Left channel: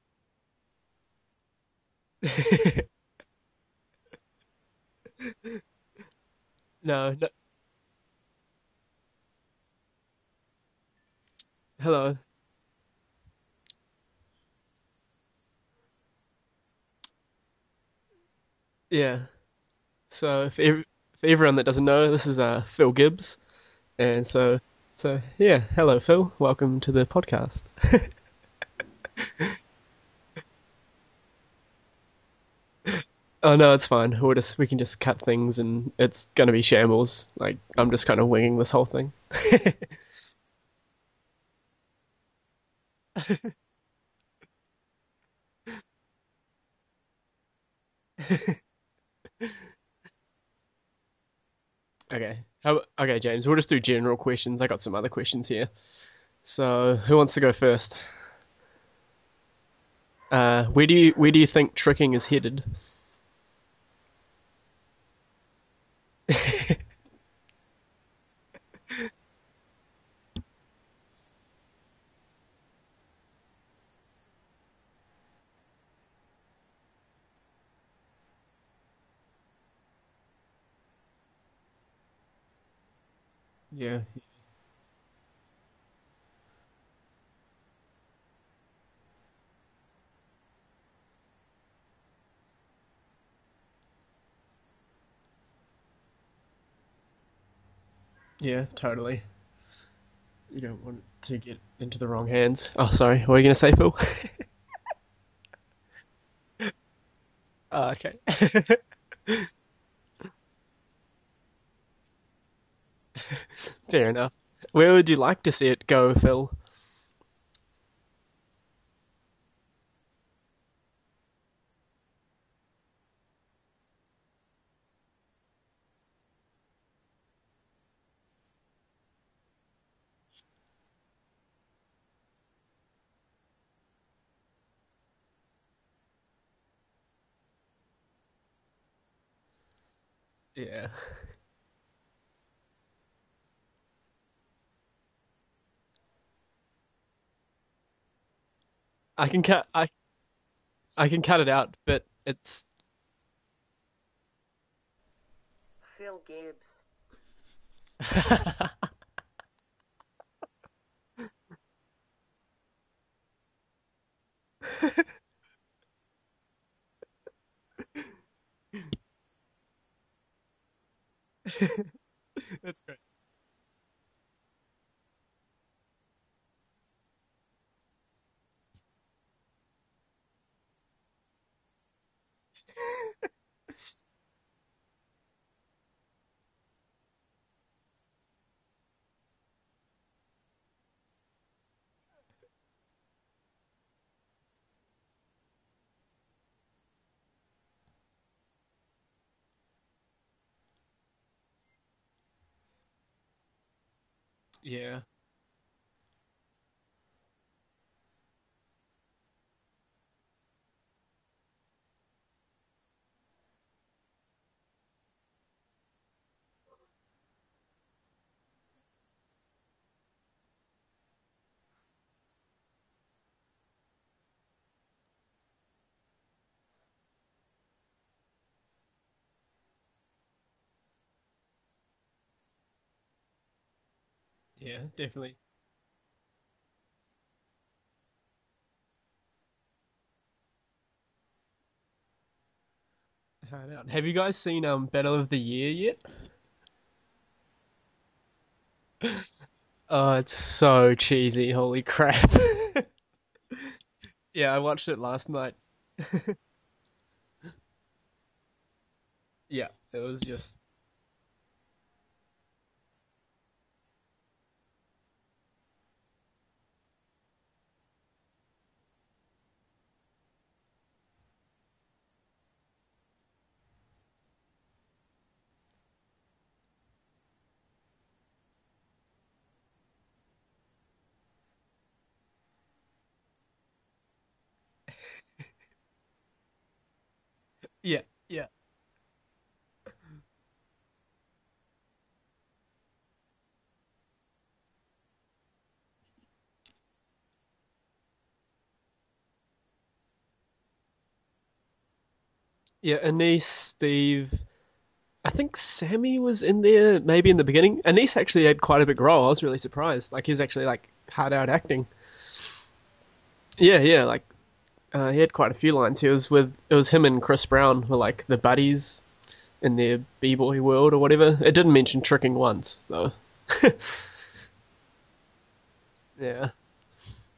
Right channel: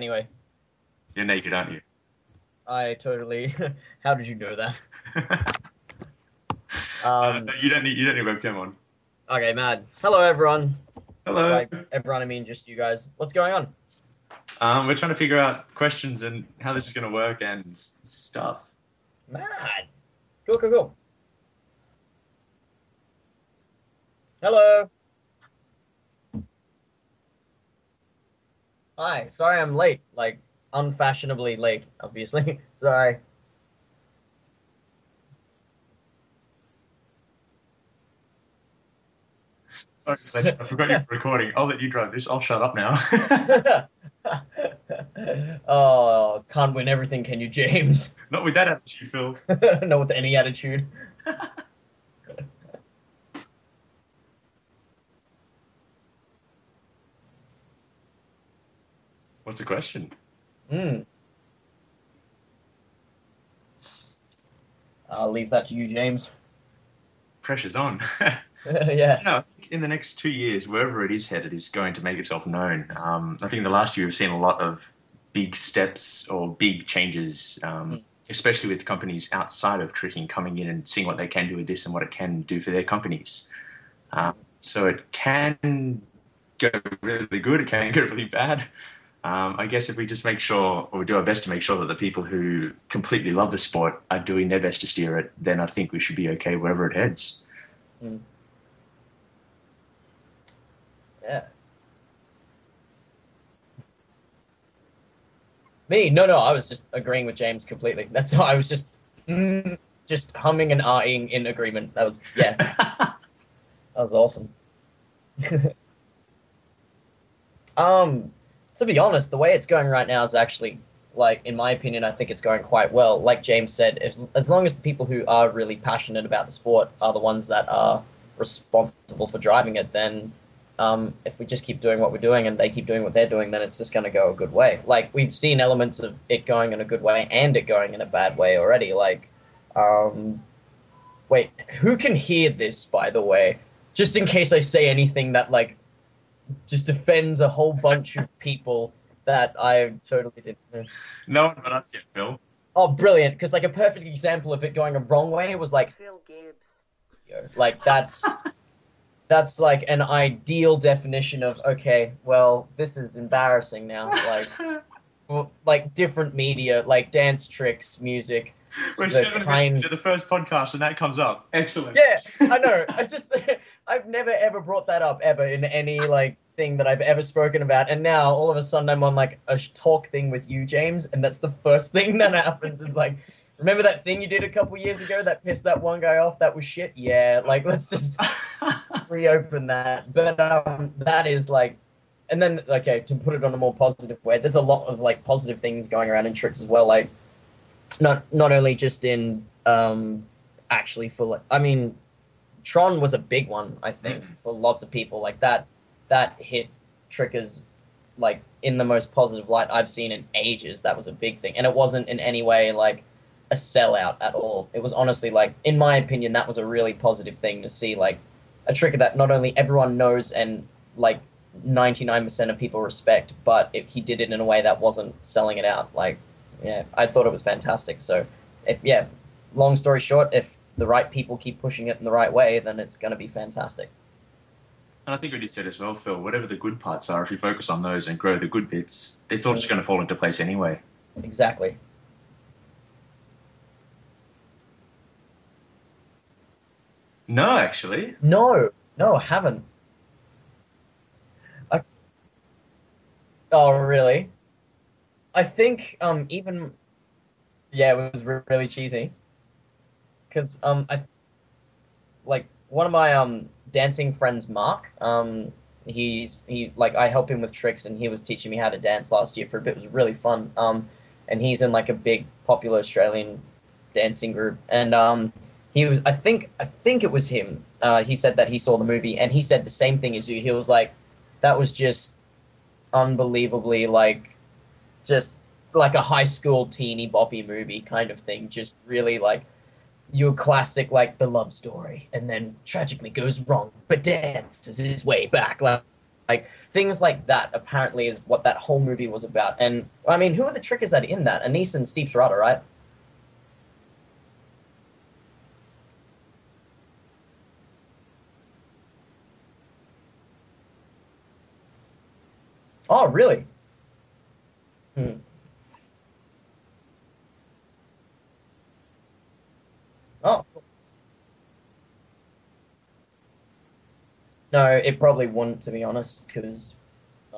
anyway. You're naked, aren't you? I totally. How did you know that? No. No, you don't need webcam on. Okay, mad. Hello, everyone. Hello. Hello. Everyone, I mean just you guys. What's going on? We're trying to figure out questions and how this is going to work and stuff. Yeah. Mad. So Cool. for everyone that doesn't know, this is Phill Gibbs, and Hello. hello Phil, welcome to the podcast. Hi. Sorry, I'm late. Like unfashionably late, obviously. Sorry. Oh no, it's fine. We can just cut things, and it's gonna be shambles. Like I'm just kind of winging this whole thing. I forgot you're recording. I'll let you drive this. I'll shut up now. Oh, can't win everything, can you, James? Not with that attitude, Phil. Not with any attitude. Okay. Okay, James. We'll just do general questions. I got some other questions here. So who wants to go first? What's the question? Where do you think tricking is headed? I'll leave that to you, James. Pressure's on. Yeah. No, I think in the next 2 years, wherever it is headed is going to make itself known. I think in the last year we've seen a lot of big steps or big changes, especially with companies outside of tricking coming in and seeing what they can do with this and what it can do for their companies. Yeah. So it can go really good, it can go really bad. I guess if we just make sure, or we do our best to make sure that the people who completely love the sport are doing their best to steer it, then I think we should be okay wherever it heads. Yeah, totally. You don't want to get into the wrong hands. Oh, sorry. What were you going to say, Phil? Me? No, I was just agreeing with James completely. Okay. That's why I was just humming and ahhing in agreement. That was, yeah. Fair That was enough. awesome. Where would you like to see it go, Phil? To be honest, the way it's going right now is actually, like, in my opinion, I think it's going quite well. Like James said, as long as the people who are really passionate about the sport are the ones that are responsible for driving it, then if we just keep doing what we're doing and they keep doing what they're doing, then it's just going to go a good way. Like, we've seen elements of it going in a good way and it going in a bad way already. Like, Yeah. wait, who can hear this, by the way? Just in case I say anything that, like, just offends a whole bunch of people that I totally didn't know. I can cut it out, but it's... Oh, brilliant, because, like, a perfect example of it going a wrong way was, like... Phill Gibbs. Like, that's, like, an ideal definition of, okay, well, this is embarrassing now. Like, different media, like dance tricks, music... We're 7 minutes into the first podcast and that comes up. Excellent. Yeah, I know. I've never ever brought that up ever in any like thing that I've ever spoken about, and now all of a sudden I'm on like a talk thing with you, James, and that's the first thing that happens. Is like, remember that thing you did a couple years ago that pissed that one guy off? That was shit. Yeah, like let's just reopen that. But that is like, and then okay, to put it on a more positive way, there's a lot of like positive things going around in tricks as well, like. Not only just in actually for like, I mean, Tron was a big one, I think, for lots of people. Like that hit trickers like in the most positive light I've seen in ages. That was a big thing, and it wasn't in any way like a sellout at all. It was honestly like, in my opinion, that was a really positive thing to see, like a tricker that not only everyone knows and like 99% of people respect, but he did it in a way that wasn't selling it out. Like. Yeah, I thought it was fantastic. So, long story short, if the right people keep pushing it in the right way, then it's going to be fantastic. Yeah, definitely. And I think what you said as well, Phil, whatever the good parts are, if you focus on those and grow the good bits, it's all just going to fall into place anyway. Exactly. Have you guys seen Battle of the Year yet? No, actually. No, I haven't. Oh, it's so cheesy. Holy crap. Oh, really? Yeah, I watched it last night. I think even it was really cheesy. Yeah, it was just because like one of my dancing friends, Mark, he like I help him with tricks and he was teaching me how to dance last year for a bit. It was really fun. And he's in like a big popular Australian dancing group, and he was I think it was him. He said that he saw the movie and he said the same thing as you. He was like, that was just unbelievably like just like a high school teeny boppy movie kind of thing. Just really like your classic like the love story and then tragically goes wrong but dances his way back. Like like things like that apparently is what that whole movie was about. And I mean, who are the trickers that are in that? Anise and Steve Serrata, right? Yeah, Anise, Steve. I think Sammy was in there maybe in the beginning. Anise actually had quite a big role. I was really surprised. Like he was actually like hard out acting. Oh, really? Yeah. Like he had quite a few lines. It was him and Chris Brown were like the buddies in their b-boy world or whatever. It didn't mention tricking once though. No, it probably wouldn't, to be honest, Yeah. because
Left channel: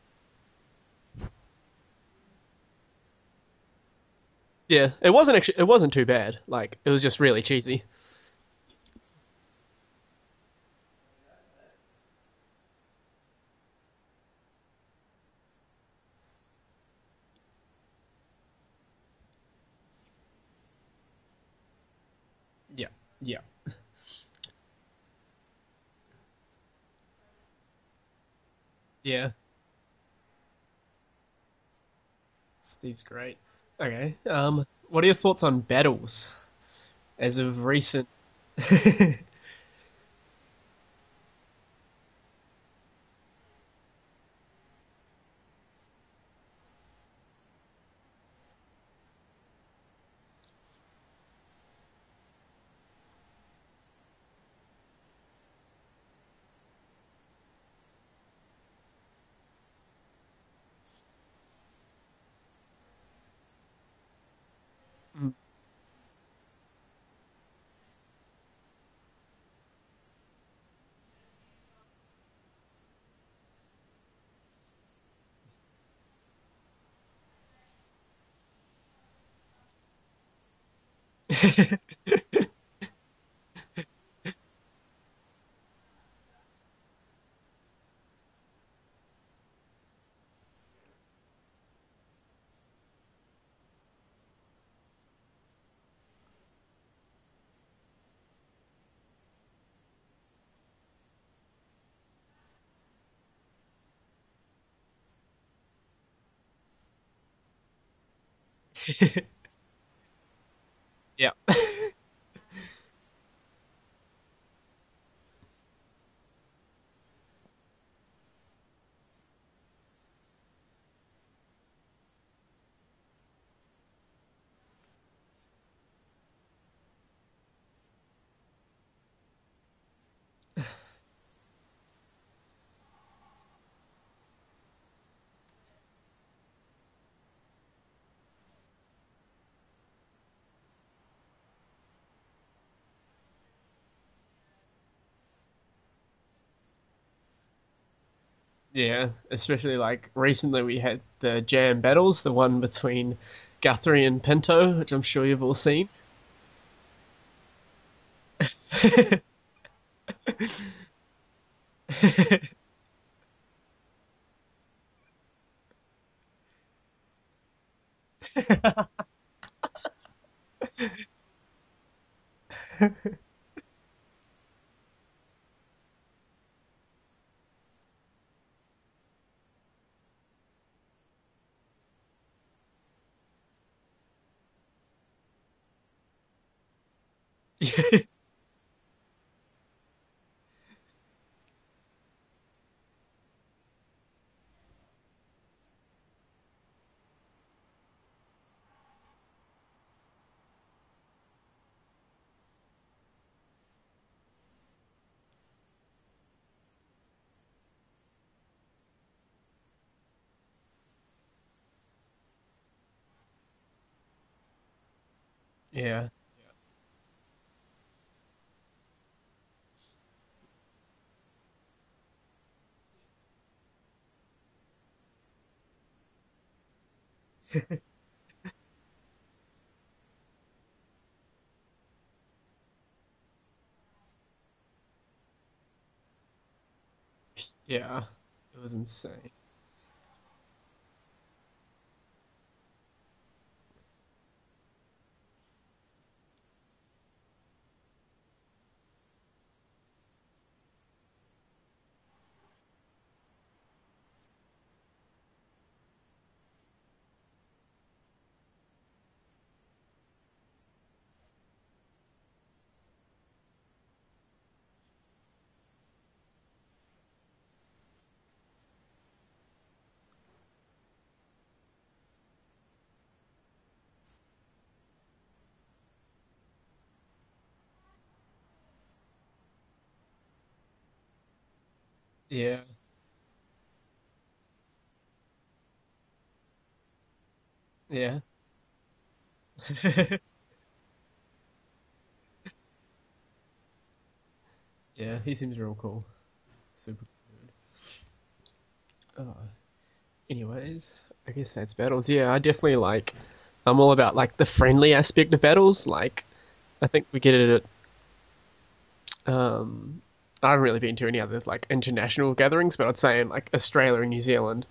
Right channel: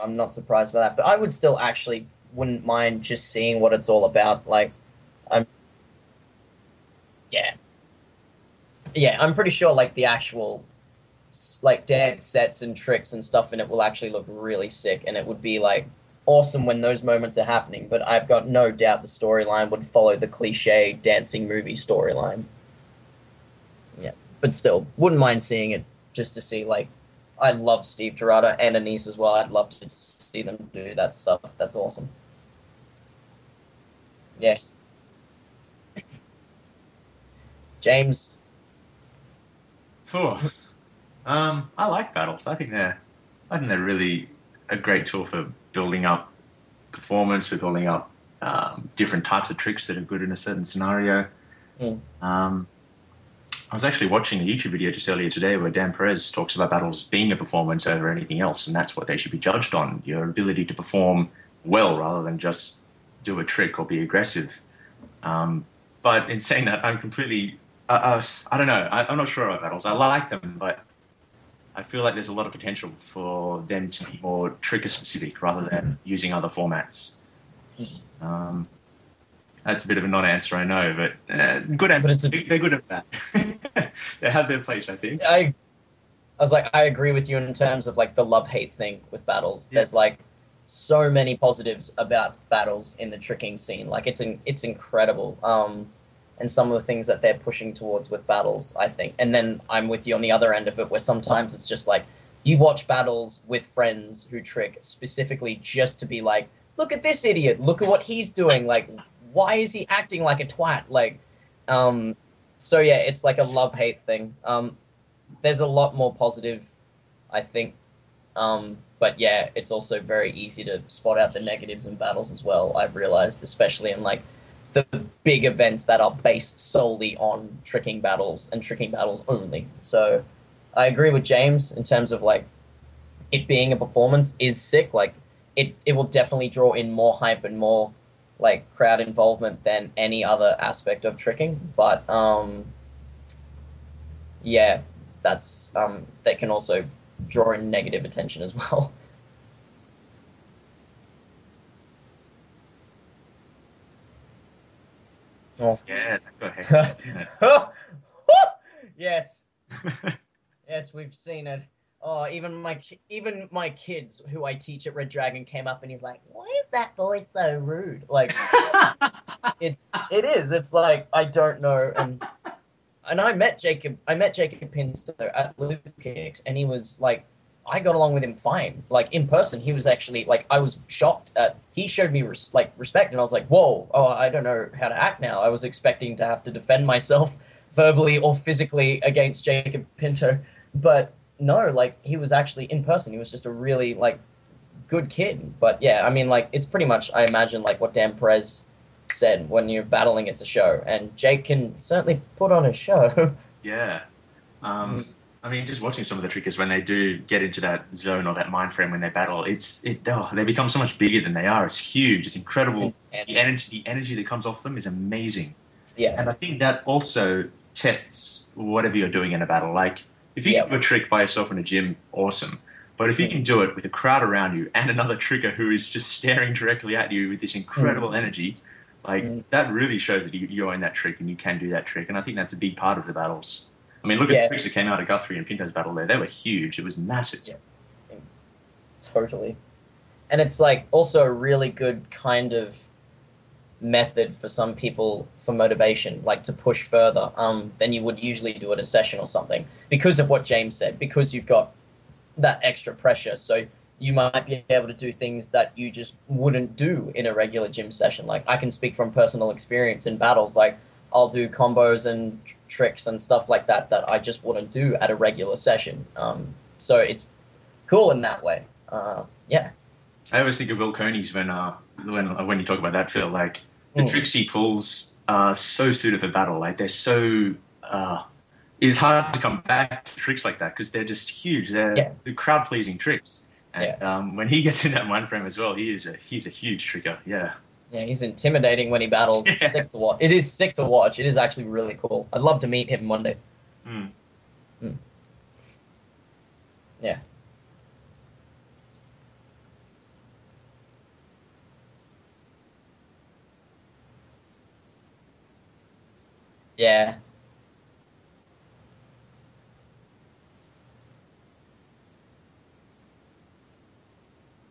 I'm not surprised by that. But I would still actually wouldn't mind just seeing what it's all about. Like, Yeah, it wasn't too bad. Like it was just really cheesy. yeah, I'm pretty sure like the actual like dance sets and tricks and stuff in it will actually look really sick, and it would be like awesome when those moments are happening. But I've got no doubt the storyline would follow the cliche dancing movie storyline. Yeah. But still, wouldn't mind seeing it just to see like. I love Steve Serrata and Anise as well. I'd love to see them do that stuff. That's awesome. Steve's great. Okay. What are your thoughts on battles as of recent? James. I like battles. I think they're really a great tool for building up performance, for building up different types of tricks that are good in a certain scenario. I was actually watching a YouTube video just earlier today where Dan Perez talks about battles being a performance over anything else, and that's what they should be judged on, your ability to perform well rather than just do a trick or be aggressive. But in saying that, I'm completely... I don't know. I'm not sure about battles. I like them, but I feel like there's a lot of potential for them to be more trigger-specific rather than using other formats. That's a bit of a non-answer, I know, but good answer. They're good at that. They have their place, I think. I was like, I agree with you in terms of like the love-hate thing with battles. Yeah. There's like so many positives about battles in the tricking scene. Like it's incredible. And some of the things that they're pushing towards with battles, I think. And then I'm with you on the other end of it, where sometimes it's just like you watch battles with friends who trick specifically just to be like, look at this idiot. Look at what he's doing. Like, why is he acting like a twat? Like, so yeah, it's like a love-hate thing. There's a lot more positive, I think. But yeah, it's also very easy to spot out the negatives in battles as well, I've realized, especially in like the big events that are based solely on tricking battles and tricking battles only. So I agree with James in terms of like it being a performance is sick. Like, it will definitely draw in more hype and more like crowd involvement than any other aspect of tricking. But yeah, that's that can also draw in negative attention as well. Yeah, especially like recently we had the jam battles, the one between Guthrie and Pinto, which I'm sure you've all seen. Yeah, go ahead. Yes. Yes, we've seen it. Oh, even my kids who I teach at Red Dragon came up and he's like, "Why is that boy so rude?" Like, it is. It's like I don't know. And I met Jacob Pinto at Lucas, and he was like, I got along with him fine. Like in person, he was actually like, I was shocked at. He showed me respect, and I was like, whoa, oh, I don't know how to act now. I was expecting to have to defend myself verbally or physically against Jacob Pinto, but no, like he was actually in person. He was just a really like good kid. But yeah, I mean, like it's pretty much, I imagine, like what Dan Perez said, when you're battling, it's a show, and Jake can certainly put on a show. Yeah. I mean, just watching some of the trickers when they do get into that zone or that mind frame when they battle, they become so much bigger than they are. It's huge. It's incredible. The energy that comes off them is amazing. Yeah. And I think that also tests whatever you're doing in a battle. Like, if you can do a trick by yourself in a gym, awesome. But if you can do it with a crowd around you and another tricker who is just staring directly at you with this incredible energy, like that really shows that you own that trick and you can do that trick. And I think that's a big part of the battles. I mean, look at the tricks that came out of Guthrie and Pinto's battle there. They were huge. It was massive. Yeah. It was insane. Totally. And it's like also a really good kind of method for some people for motivation, like to push further than you would usually do at a session or something, because of what James said, because you've got that extra pressure. So you might be able to do things that you just wouldn't do in a regular gym session. Like I can speak from personal experience in battles. Like I'll do combos and tricks and stuff like that I just wouldn't do at a regular session. So it's cool in that way. Yeah. I always think of Will Coney's when you talk about that, Phil. Like the tricks he pulls are so suited for battle. Like they're so. It's hard to come back to tricks like that because they're just huge. They're crowd pleasing tricks. And when he gets in that mind frame as well, he's a huge trigger. Yeah. Yeah, he's intimidating when he battles. It's sick to watch. It is sick to watch. It is actually really cool. I'd love to meet him one day. Yeah, he seems real cool. Super. Yeah. Anyways, I guess that's battles. Yeah, I definitely I'm all about like the friendly aspect of battles. Like, I think we get it at. I haven't really been to any other like international gatherings, but I'd say in like Australia and New Zealand,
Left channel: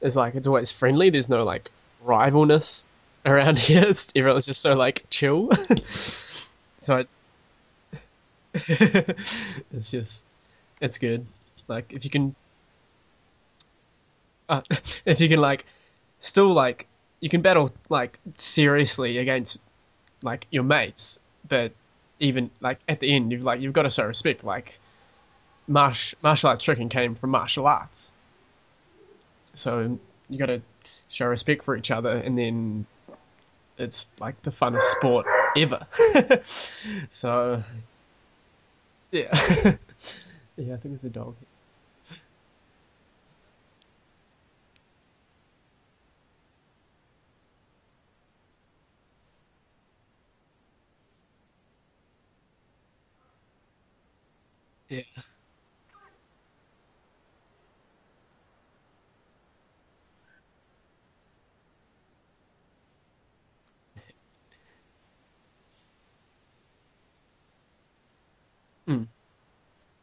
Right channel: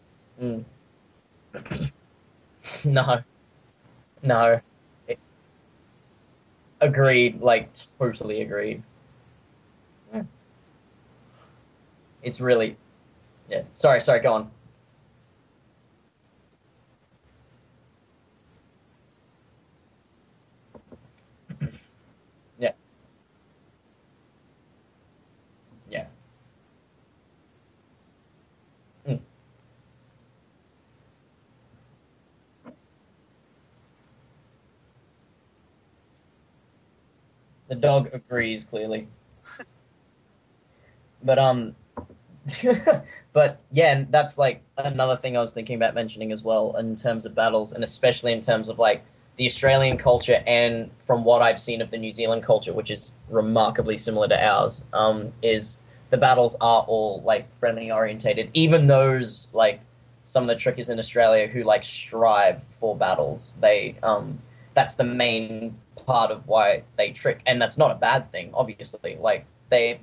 is like it's always friendly. There's no like rivalness around here. Everyone's just so like chill. Agreed, like totally agreed. It's good. Like if you can, it's really, Sorry, go on. If you can like, still like, you can battle like seriously against like your mates, but even like at the end, you've got to show respect. Like martial arts tricking came from martial arts, so you got to show respect for each other, and then it's like the funnest sport ever. So the dog agrees clearly. Yeah. Yeah, I think it's a dog. But but yeah, and that's like another thing I was thinking about mentioning as well in terms of battles, and especially in terms of like the Australian culture and from what I've seen of the New Zealand culture, which is remarkably similar to ours, is the battles are all like friendly orientated. Even those like some of the trickers in Australia who like strive for battles, they that's the main part of why they trick, and that's not a bad thing, obviously. Like they're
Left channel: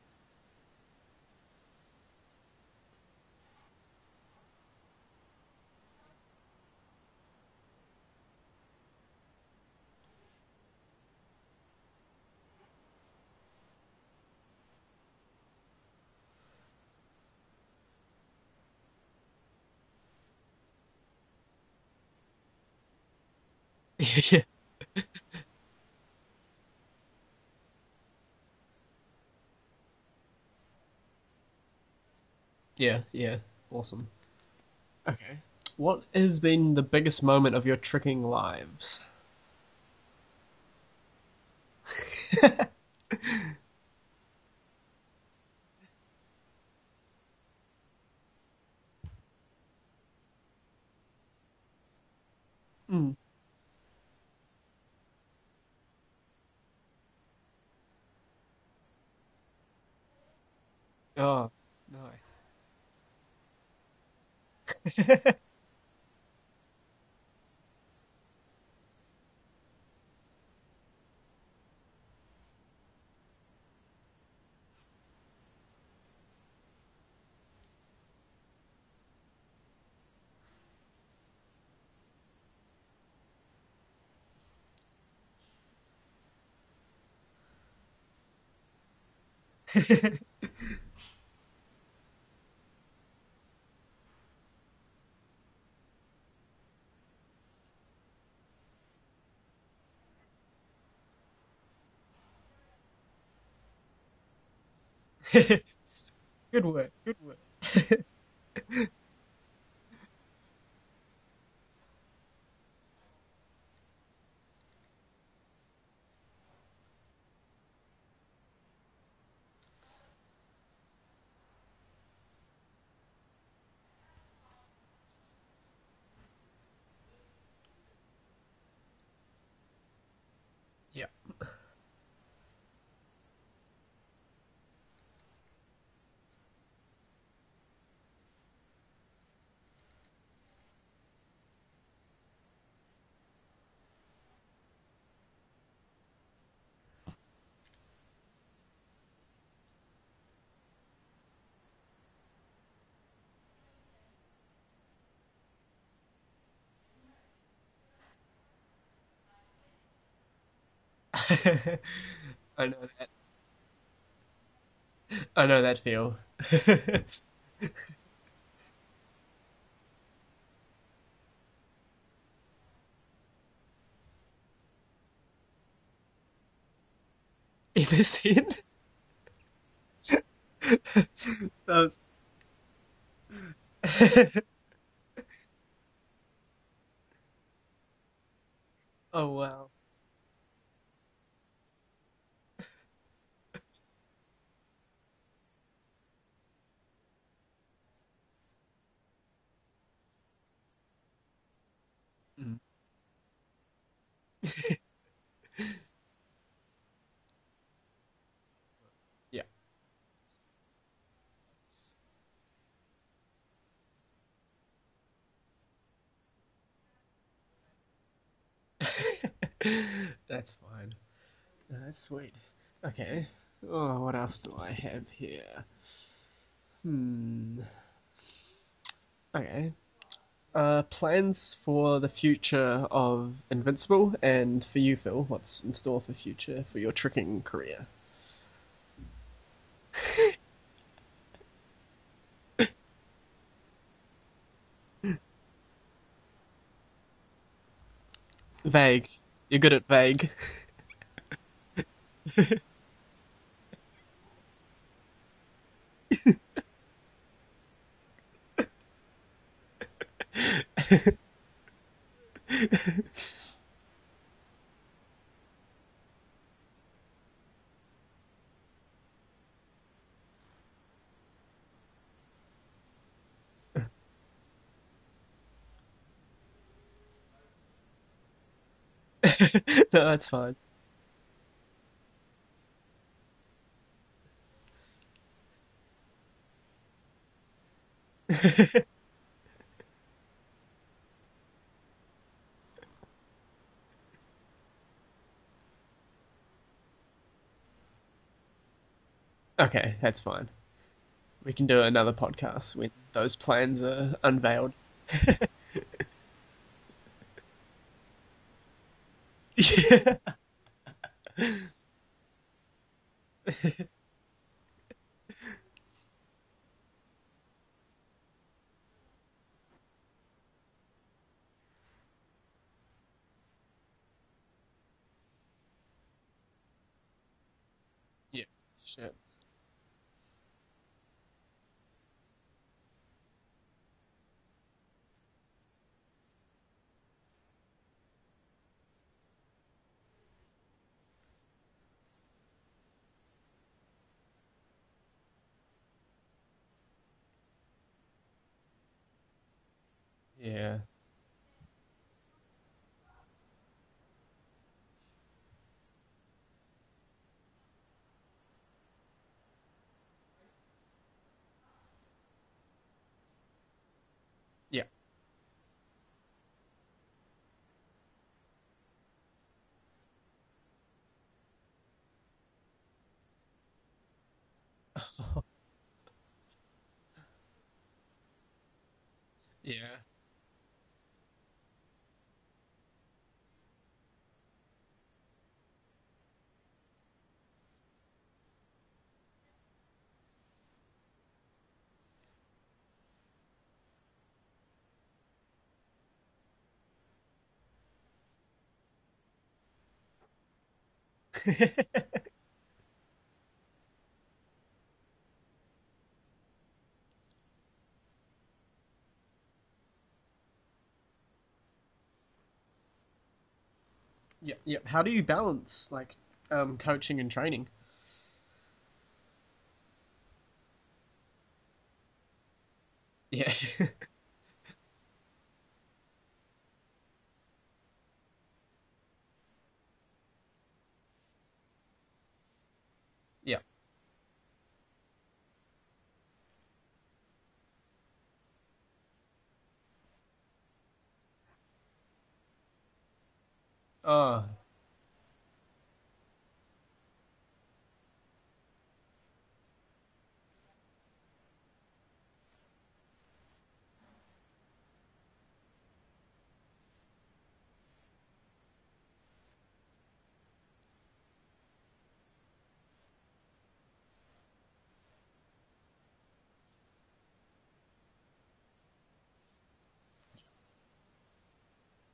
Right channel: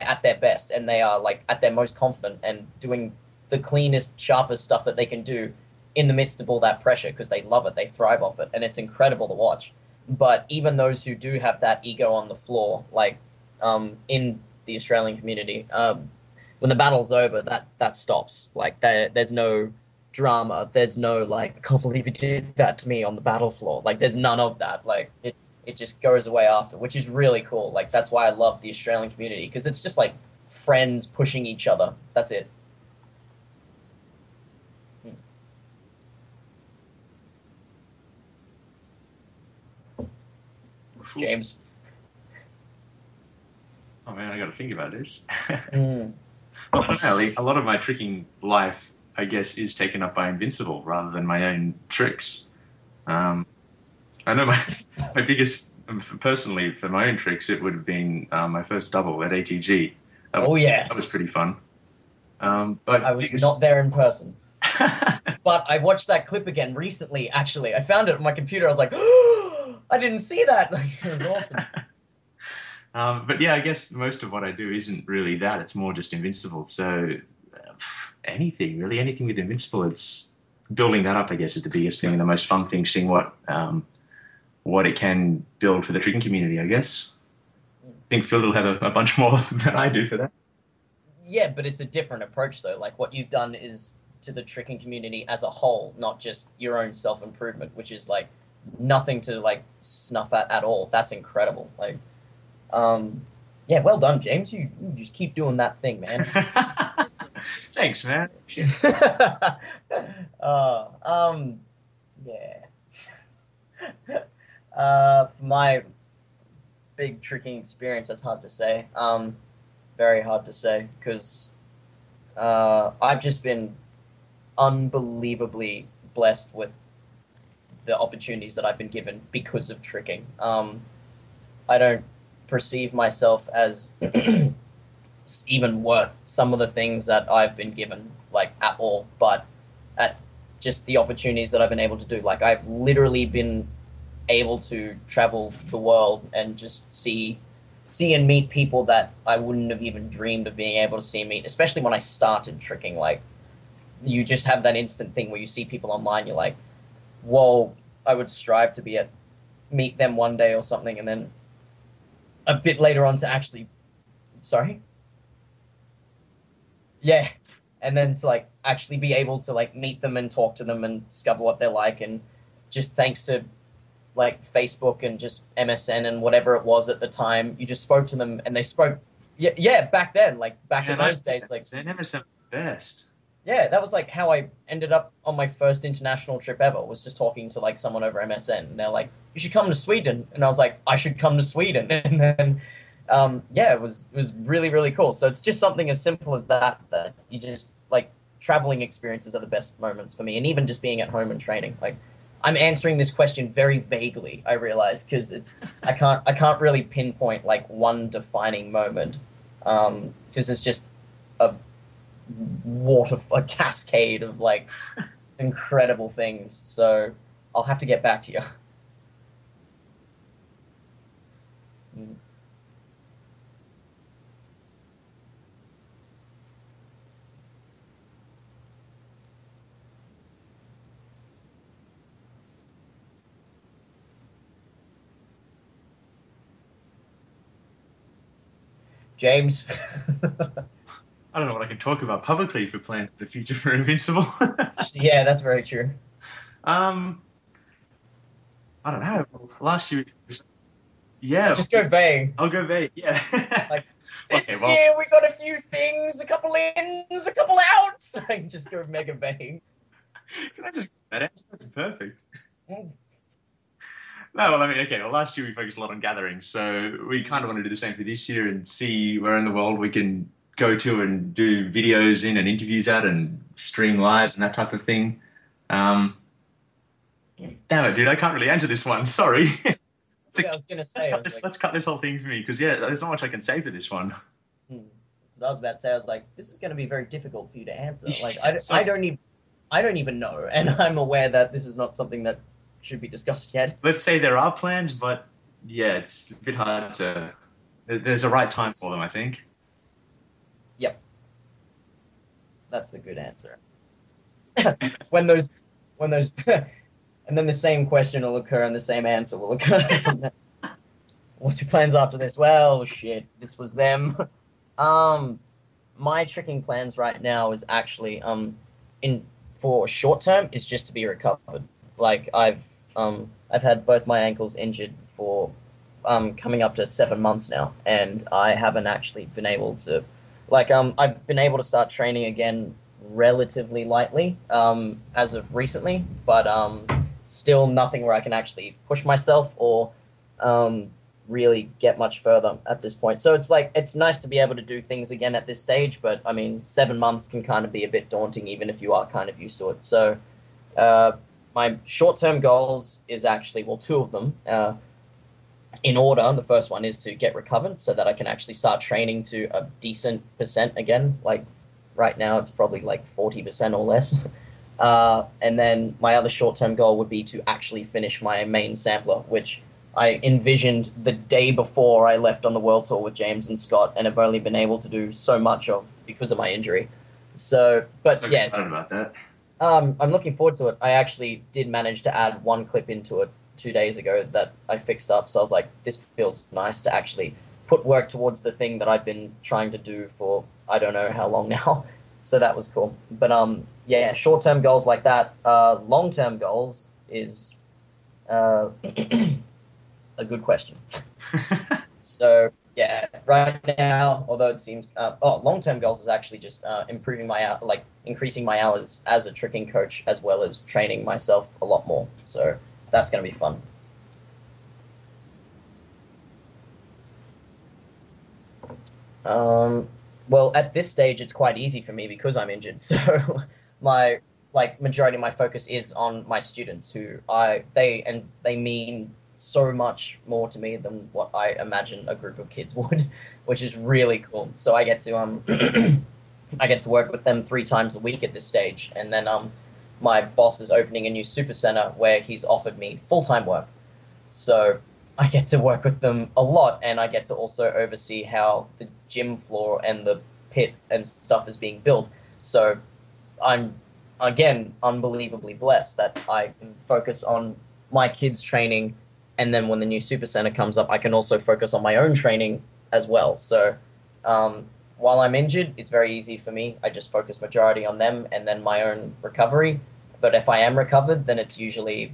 at their best, and they are like at their most confident and doing the cleanest, sharpest stuff that they can do in the midst of all that pressure, because they love it, they thrive off it, and it's incredible to watch. But even those who do have that ego on the floor, like in the Australian community, when the battle's over, that stops. Like there's no drama, there's no like, I can't believe you did that to me on the battle floor. Like there's none of that. Like it just goes away after, which is really cool. Like that's why I love the Australian community, because it's just like friends pushing each other. That's it. Yeah, awesome. Okay. What has been the biggest moment of your tricking lives? James. Oh man, I got to think about this. Well, I don't know. A lot of my tricking life, I guess, is taken up by Invincible rather than my own tricks. I know my biggest, personally, for my own tricks, it would have been my first double at ATG. That was pretty fun. Nice. But I was not there in person. But I watched that clip again recently, actually. I found it on my computer. I was like, oh, I didn't see that. Like, it was awesome. But yeah, I guess most of what I do isn't really that. It's more just Invincible. So anything with Invincible, it's building that up, I guess, is the biggest thing and the most fun thing, seeing what it can build for the tricking community, I guess. I think Phil will have a bunch more than I do for that. Yeah, but it's a different approach, though. Like, what you've done is to the tricking community as a whole, not just your own self-improvement, which is, like, nothing to, like, snuff at all. That's incredible. Like, yeah, well done, James. You just keep doing that thing, man. Thanks, man. For my big tricking experience, that's hard to say. Very hard to say, because I've just been unbelievably blessed with the opportunities that I've been given because of tricking. I don't perceive myself as even worth some of the things that I've been given, like, at all, but at just the opportunities that I've been able to do. Like, I've literally been able to travel the world and just see and meet people that I wouldn't have even dreamed of being able to see and meet, especially when I started tricking. Like, you just have that instant thing where you see people online, you're like, whoa, I would strive to meet them one day or something, and then a bit later on to actually, sorry? I know that feel. Yeah, and then to, like, actually be able to, like, meet them and talk to them and discover what they're like, and just thanks to, like, Facebook and just MSN and whatever it was at the time, you just spoke to them and they spoke. Yeah, back then, like, back in those days, like. So MSN best. Yeah, that was like how I ended up on my first international trip ever. Was just talking to like someone over MSN, and they're like, Oh, "You should wow. come to Sweden," and I was like, "I should come to Sweden," and then, yeah, it was really really cool. So it's just something as simple as that you just like traveling experiences are the best moments for me, and even just being at home and training. Like, I'm answering this question very vaguely. I realize because I can't really pinpoint like one defining moment. Yeah. Because it's just a a cascade of like incredible things. So I'll have to get back to you. That's fine. That's sweet. Okay. Oh, what else do I have here? Okay. Plans for the future of Invincible, and for you, Phil, what's in store for future for your tricking career? James. I don't know what I can talk about publicly for plans for the future for Invincible. Yeah, that's very true. Vague. You're good at vague. Yeah. Just go vague. I'll go vague, yeah. Like, this year we got a few things, a couple ins, a couple outs. I can just go mega vague. That's perfect. No, well, I mean, okay, well, last year we focused a lot on gatherings, so we kind of want to do the same for this year and see where in the world we can go to and do videos in and interviews at and stream live and that type of thing. Damn it, dude, I can't really answer this one. Sorry. No, that's fine. I was gonna say, Let's cut this whole thing for me, because, yeah, there's not much I can say for this one. So I was about to say, I was like, this is going to be very difficult for you to answer. Like, I don't even know, and I'm aware that this is not something that should be discussed yet. Let's say there are plans, but, yeah, it's a bit hard to... There's a right time for them, I think. Okay, that's fine. Yep. We can do another podcast That's when a good those answer. plans are unveiled. when those, and then the same question will occur and the same answer will occur. What's your plans after this? Well, shit, this was them. My tricking plans right now is actually for short term is just to be recovered. Like I've had both my ankles injured for coming up to 7 months now, and I haven't actually been able to, I've been able to start training again relatively lightly as of recently, but still nothing where I can actually push myself or really get much further at this point. So it's nice to be able to do things again at this stage, but I mean 7 months can kind of be a bit daunting even if you are kind of used to it. So yeah. My short-term goals is actually, well, two of them. In order, the first one is to get recovered so that I can actually start training to a decent percent again. Like right now, it's probably like 40% or less. Yeah. And then my other short-term goal would be to actually finish my main sampler, which I envisioned the day before I left on the world tour with James and Scott, and have only been able to do so much of because of my injury. So, but So yes, excited about that. I'm looking forward to it. I actually did manage to add one clip into it 2 days ago that I fixed up. So I was like, this feels nice to actually put work towards the thing that I've been trying to do for I don't know how long now. So that was cool. But yeah, short-term goals like that. Long-term goals is a good question. So yeah, right now, although it seems long-term goals is actually just improving increasing my hours as a tricking coach, as well as training myself a lot more. So that's going to be fun. Yeah. How do you balance coaching and training? Well, at this stage, it's quite easy for me because I'm injured. So Yeah. my majority of my focus is on my students, who they mean so much more to me than what I imagine a group of kids would, which is really cool. So I get to I get to work with them 3 times a week at this stage, and then my boss is opening a new super center where he's offered me full-time work. So I get to work with them a lot, and I get to also oversee how the gym floor and the pit and stuff is being built. So I'm, again, unbelievably blessed that I can focus on my kids' training, and then when the new super center comes up, I can also focus on my own training as well. So while I'm injured, it's very easy for me. I just focus majority on them and then my own recovery. But if I am recovered, then it's usually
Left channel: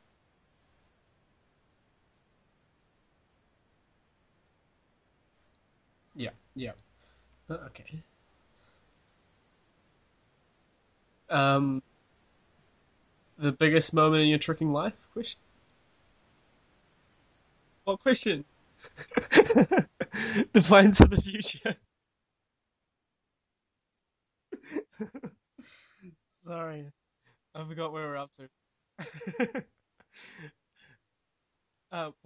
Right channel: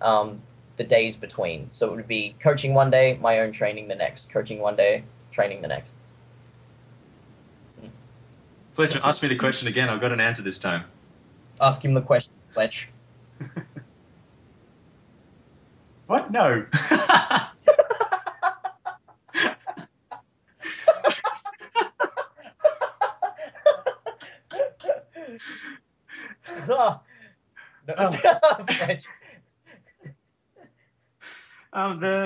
the days between. So it would be coaching one day, my own training the next. Coaching one day, training the next. Yeah. Okay. Fletcher, ask me the question again. I've got an answer this time. Ask him the question, Fletch. The biggest moment in your tricking life? Question? What? No. What question? The plans for the future. I forgot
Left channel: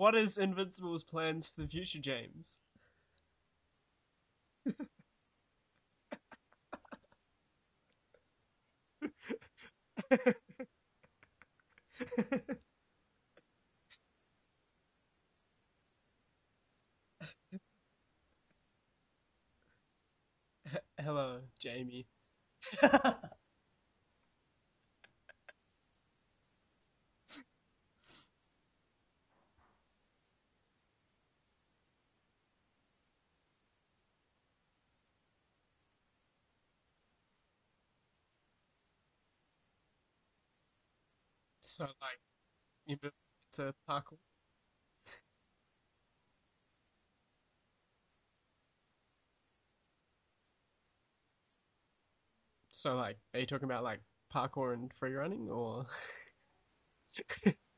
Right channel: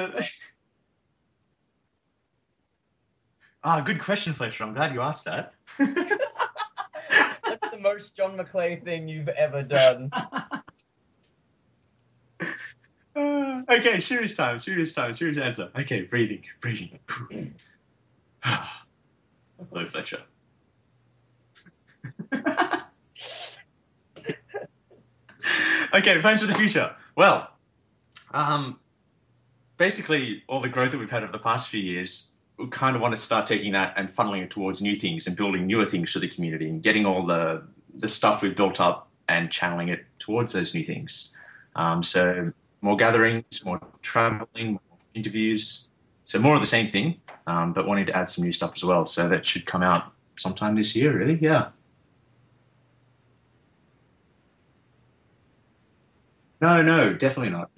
what is Invincible's plans for the future, James? Good question, Fletcher. I'm glad you asked that. That's the most John McClay thing you've ever done. Okay, serious answer. Okay, breathing. Hello, Fletcher. Hello, Jamie. Okay, plans for the future. Well, basically, all the growth that we've had over the past few years, we kind of want to start taking that and funneling it towards new things and building newer things for the community and getting all the stuff we've built up and channeling it towards those new things. So more gatherings, more traveling, more interviews. So more of the same thing, but wanting to add some new stuff as well. So that should come out sometime this year, really. Yeah. So, like, are you talking about, like, parkour and free running, or? No, definitely not.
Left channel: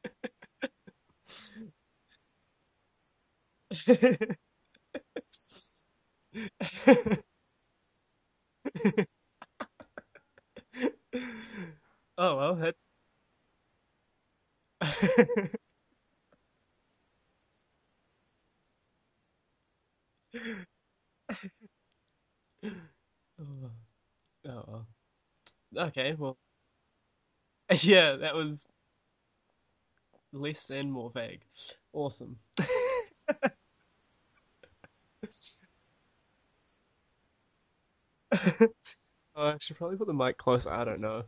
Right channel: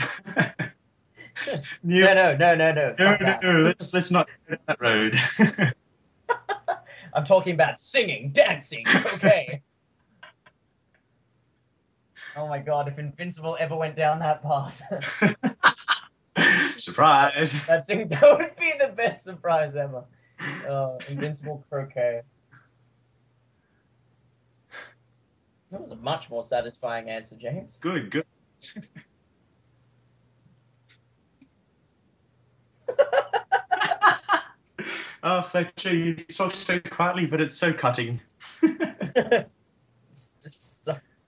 No. No. Let's not go down that road. I'm talking about singing, dancing. Okay. Oh my god! If Invincible ever went down that path, surprise! that would be the best surprise ever. Invincible croquet. That was a much more satisfying answer, James. Yeah, that was less and more vague. Awesome. Oh, Fletcher, you talk so quietly, but it's so cutting. I should probably put the mic closer. I don't know.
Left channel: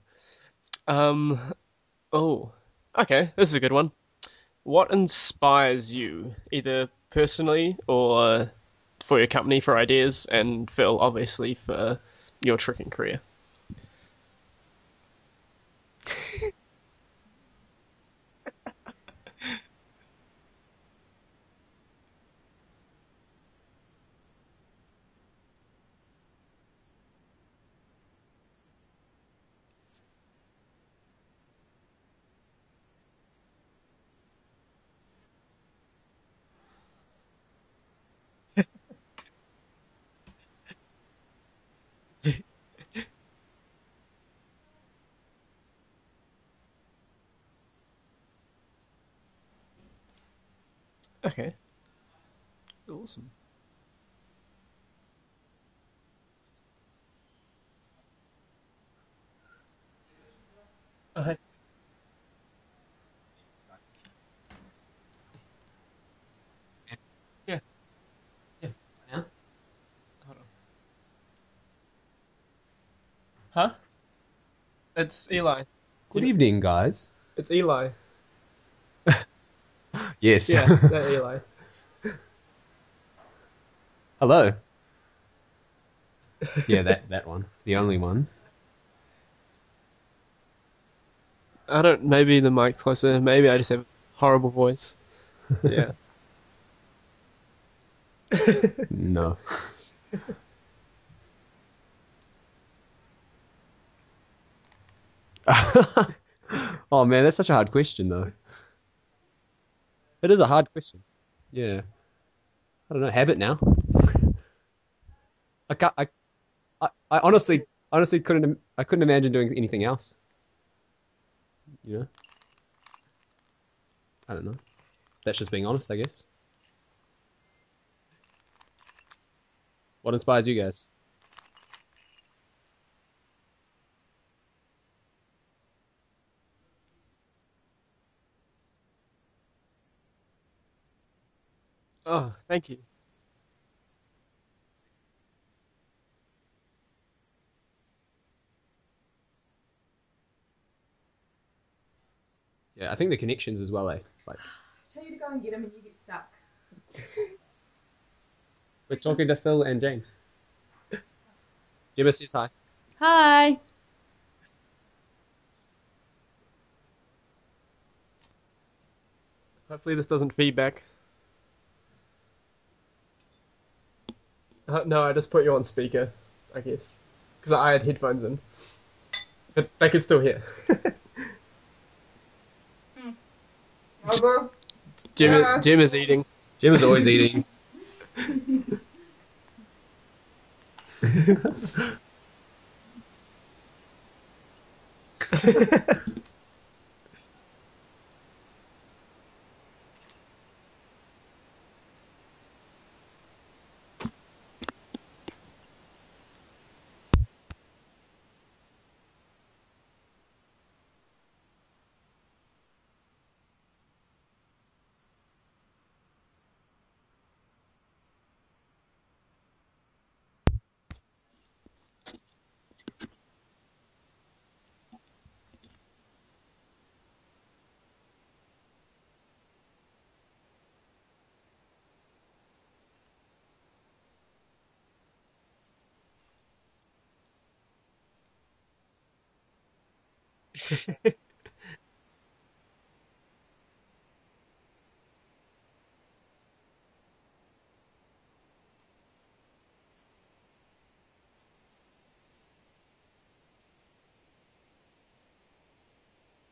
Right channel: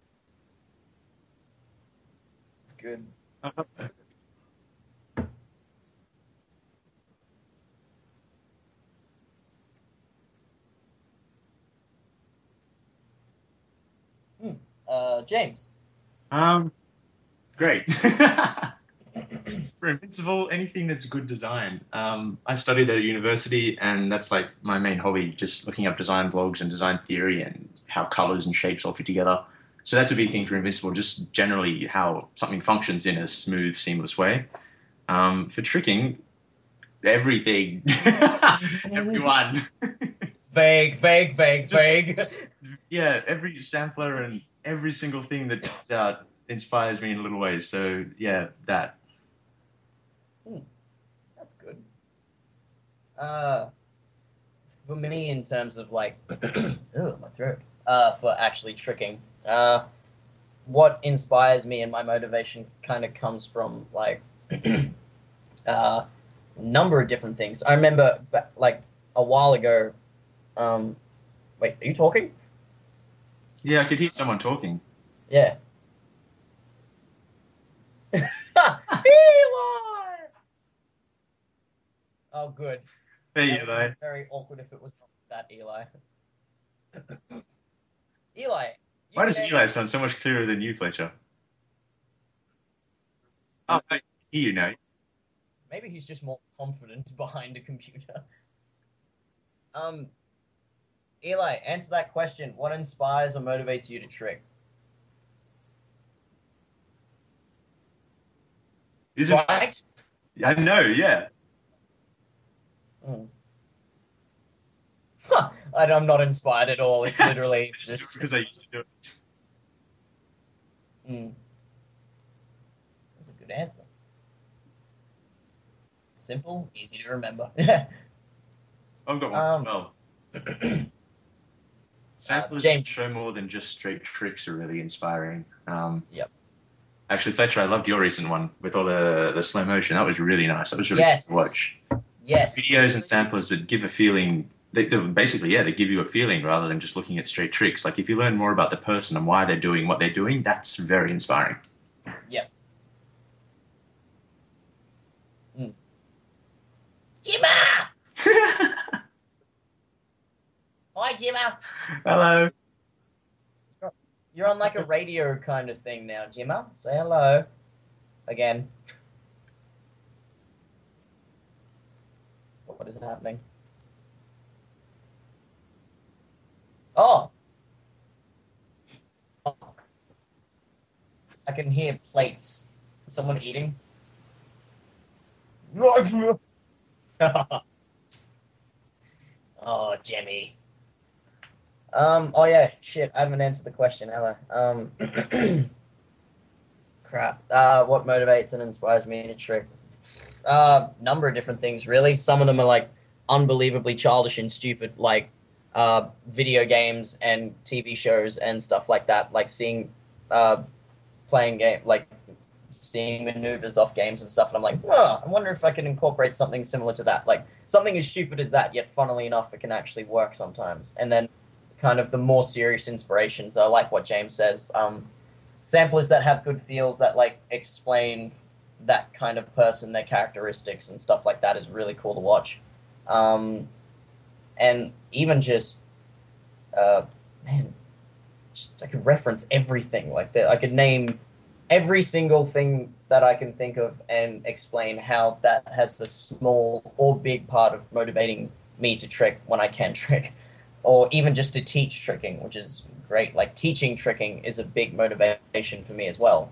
Okay, this is a good one. What inspires you, either personally or for your company for ideas, and Phil, obviously, for your tricking career? James. Great. For Invincible, anything that's good design. I studied at university, and that's like my main hobby, just looking up design blogs and design theory and how colors and shapes all fit together. So that's a big thing for Invincible, just generally how something functions in a smooth, seamless way. For tricking, everything. Everyone. Vague. Yeah, every sampler and every single thing that comes out inspires me in little ways. So, yeah, that. Okay. Good. Awesome. For me, in terms of like, my throat. For actually tricking, what inspires me and my motivation kind of comes from like a number of different things. I remember like a while ago. Wait, are you talking? Huh? Yeah, I could hear someone talking. It's Eli. Good evening, guys. It's Eli. Eli! Yes. Yeah, that Eli. Oh, good. Hey, Eli. Hello. If it was that Eli. Yeah, that one. The only one. Eli. Why does Eli sound so much clearer than you, Fletcher? I don't. Maybe the mic closer. Maybe I just have a horrible know. voice. Maybe he's just more confident behind a computer. No. Eli, answer that question. What inspires or motivates you to trick? Oh man, that's such a hard question though. Is it? Right? It is a hard No, question. Yeah. Yeah. I don't know, habit now. I'm not inspired at all. I honestly Because I couldn't imagine doing anything else. Mm. You know? That's a good answer. I don't know. That's just being honest, I guess. Simple, easy to remember. I've got one as well. What inspires you guys? Samplers James. show more than just straight tricks are really inspiring. Yep. Actually, Fletcher, I loved your recent one with all the slow motion. That was really nice. That was really Yes. good to watch. Oh, Yes. thank you. Videos and samplers that give a feeling. They basically, they give you a feeling rather than just looking at straight tricks. Like if you learn more about the person and why they're doing what they're doing, that's very inspiring. Yeah, I think the connections as well, Like, Tell you to go and get him and you get stuck. Jimma! we're talking to Phil and James. Hi, Jimma. Give us Hello. Hi. You're on like a radio kind of thing now, Jimma. Say hello. Again. Hopefully this doesn't feedback. What is happening? No, I just put you on speaker. I guess. Oh, Because I had headphones in. But they could still hear. I can hear plates. Someone eating. Jim is eating. Jim is always eating. Oh, Jimmy. Oh yeah, shit, I haven't answered the question, have I? Crap. What motivates and inspires me to trick? Number of different things, really. Some of them are, like, unbelievably childish and stupid, like, video games and TV shows and stuff like that, like seeing, seeing maneuvers off games and stuff, and I'm like, oh, I wonder if I can incorporate something similar to that. Like, something as stupid as that, yet funnily enough, it can actually work sometimes. And then kind of the more serious inspirations are like what James says, samplers that have good feels that, like, explain that kind of person, their characteristics and stuff like that is really cool to watch. And even just, I could reference everything like that. I could name every single thing that I can think of and explain how that has a small or big part of motivating me to trick when I can trick, or even just to teach tricking, which is great. Like, teaching tricking is a big motivation for me as well.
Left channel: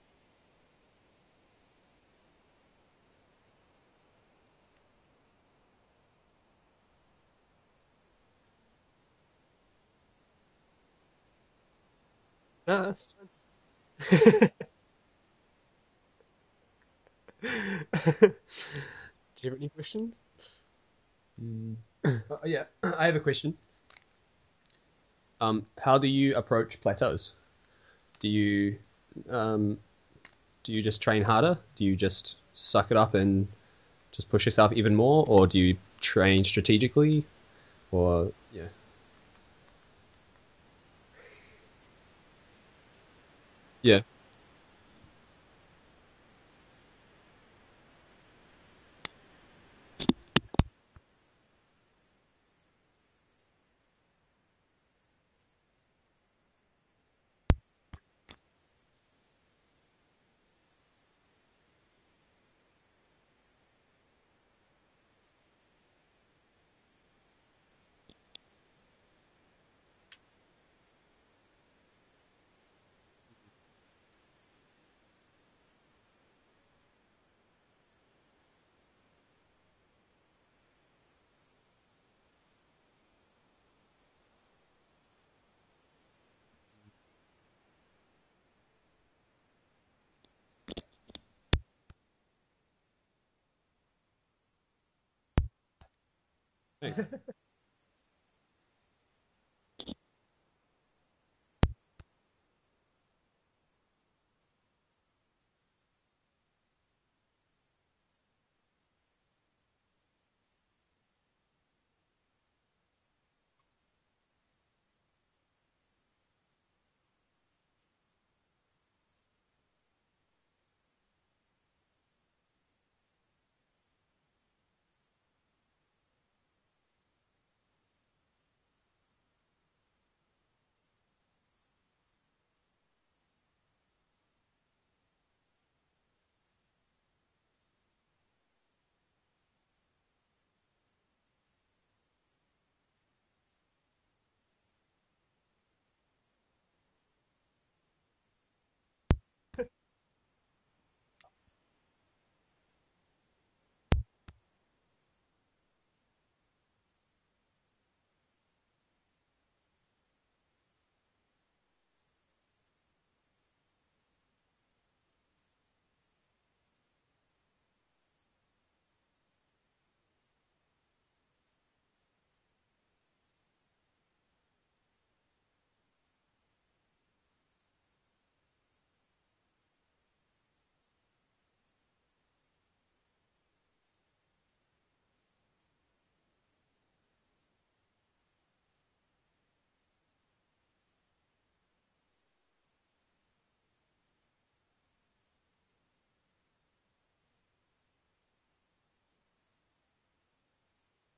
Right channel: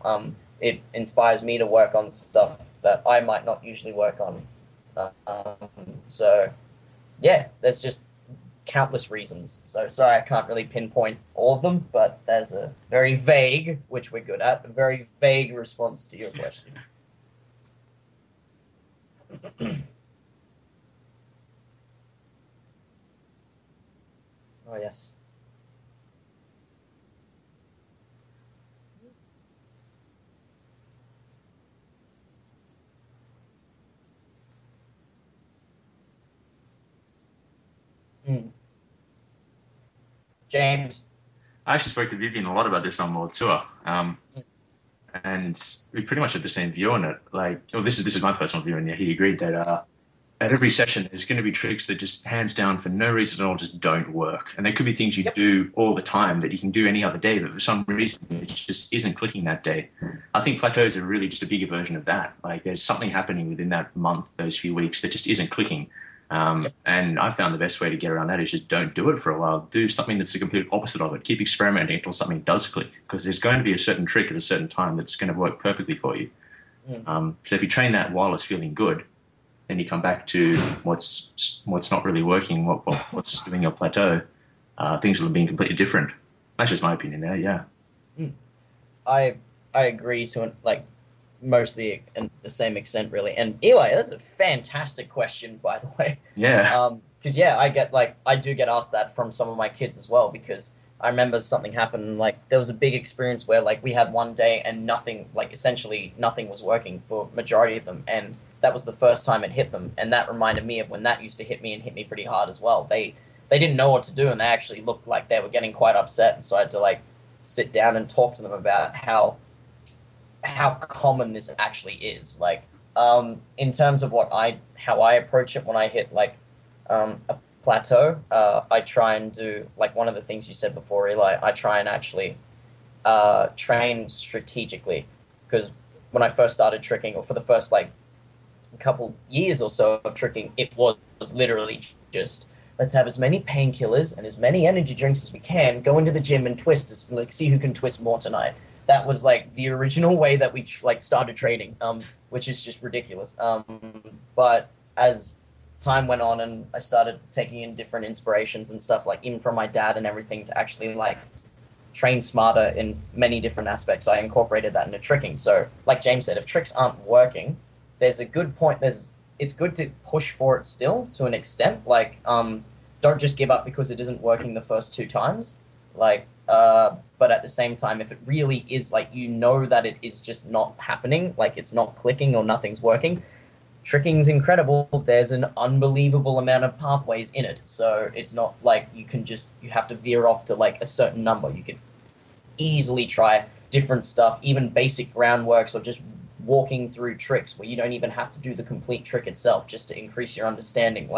It inspires me to work on stuff that I might not usually work on. So, yeah, there's just countless reasons. So sorry, I can't really pinpoint all of them, but there's a very vague, which is a very vague response to your question. Do you have any questions? Yeah, I have a question. Oh yes. How do you approach plateaus? Do you just train harder? Do you just suck it up and just push yourself even more, or do you train strategically? Or yeah. James. I actually spoke to Vivian a lot about this on World Tour. Yeah. And we pretty much had the same view on it. Like, well, this is my personal view, and yeah, he agreed that at every session there's going to be tricks that just hands down for no reason at all just don't work. And there could be things you do all the time that you can do any other day, but for some reason it just isn't clicking that day. I think plateaus are really just a bigger version of that. Like, there's something happening within that month, those few weeks, that just isn't clicking. And I found the best way to get around that is just don't do it for a while. Do something that's the complete opposite of it. Keep experimenting until something does click, because there's going to be a certain trick at a certain time that's going to work perfectly for you. So if you train that while it's feeling good, then you come back to what's not really working, what's doing your plateau, things will be completely different. That's just my opinion there, yeah. I agree to mostly in the same extent, really. And Eli, that's a fantastic question, by the way. Yeah. Because I do get asked that from some of my kids as well, because I remember something happened, and there was a big experience where we had one day and essentially nothing was working for majority of them, and that was the first time it hit them, and that reminded me of when that used to hit me, and hit me pretty hard as well. They didn't know what to do, and they actually looked like they were getting quite upset, and so I had to sit down and talk to them about how common this actually is. In terms of how I approach it when I hit a plateau, I try and do one of the things you said before, Eli. I try and actually train strategically, because when I first started tricking, or for the first couple years or so of tricking, it was literally just, let's have as many painkillers and as many energy drinks as we can, go into the gym and twist, see who can twist more tonight. That was the original way that we started training, which is just ridiculous. But as time went on and I started taking in different inspirations and stuff, even from my dad and everything, to actually train smarter in many different aspects, I incorporated that into tricking. So like James said, if tricks aren't working, there's a good point. It's good to push for it still to an extent. Don't just give up because it isn't working the first 2 times. But at the same time, if it really is that it is just not happening, it's not clicking or nothing's working, tricking's incredible. There's an unbelievable amount of pathways in it. So it's not you have to veer off to a certain number. You could easily try different stuff, even basic groundworks, or just walking through tricks where you don't even have to do the complete trick itself, just to increase your understanding.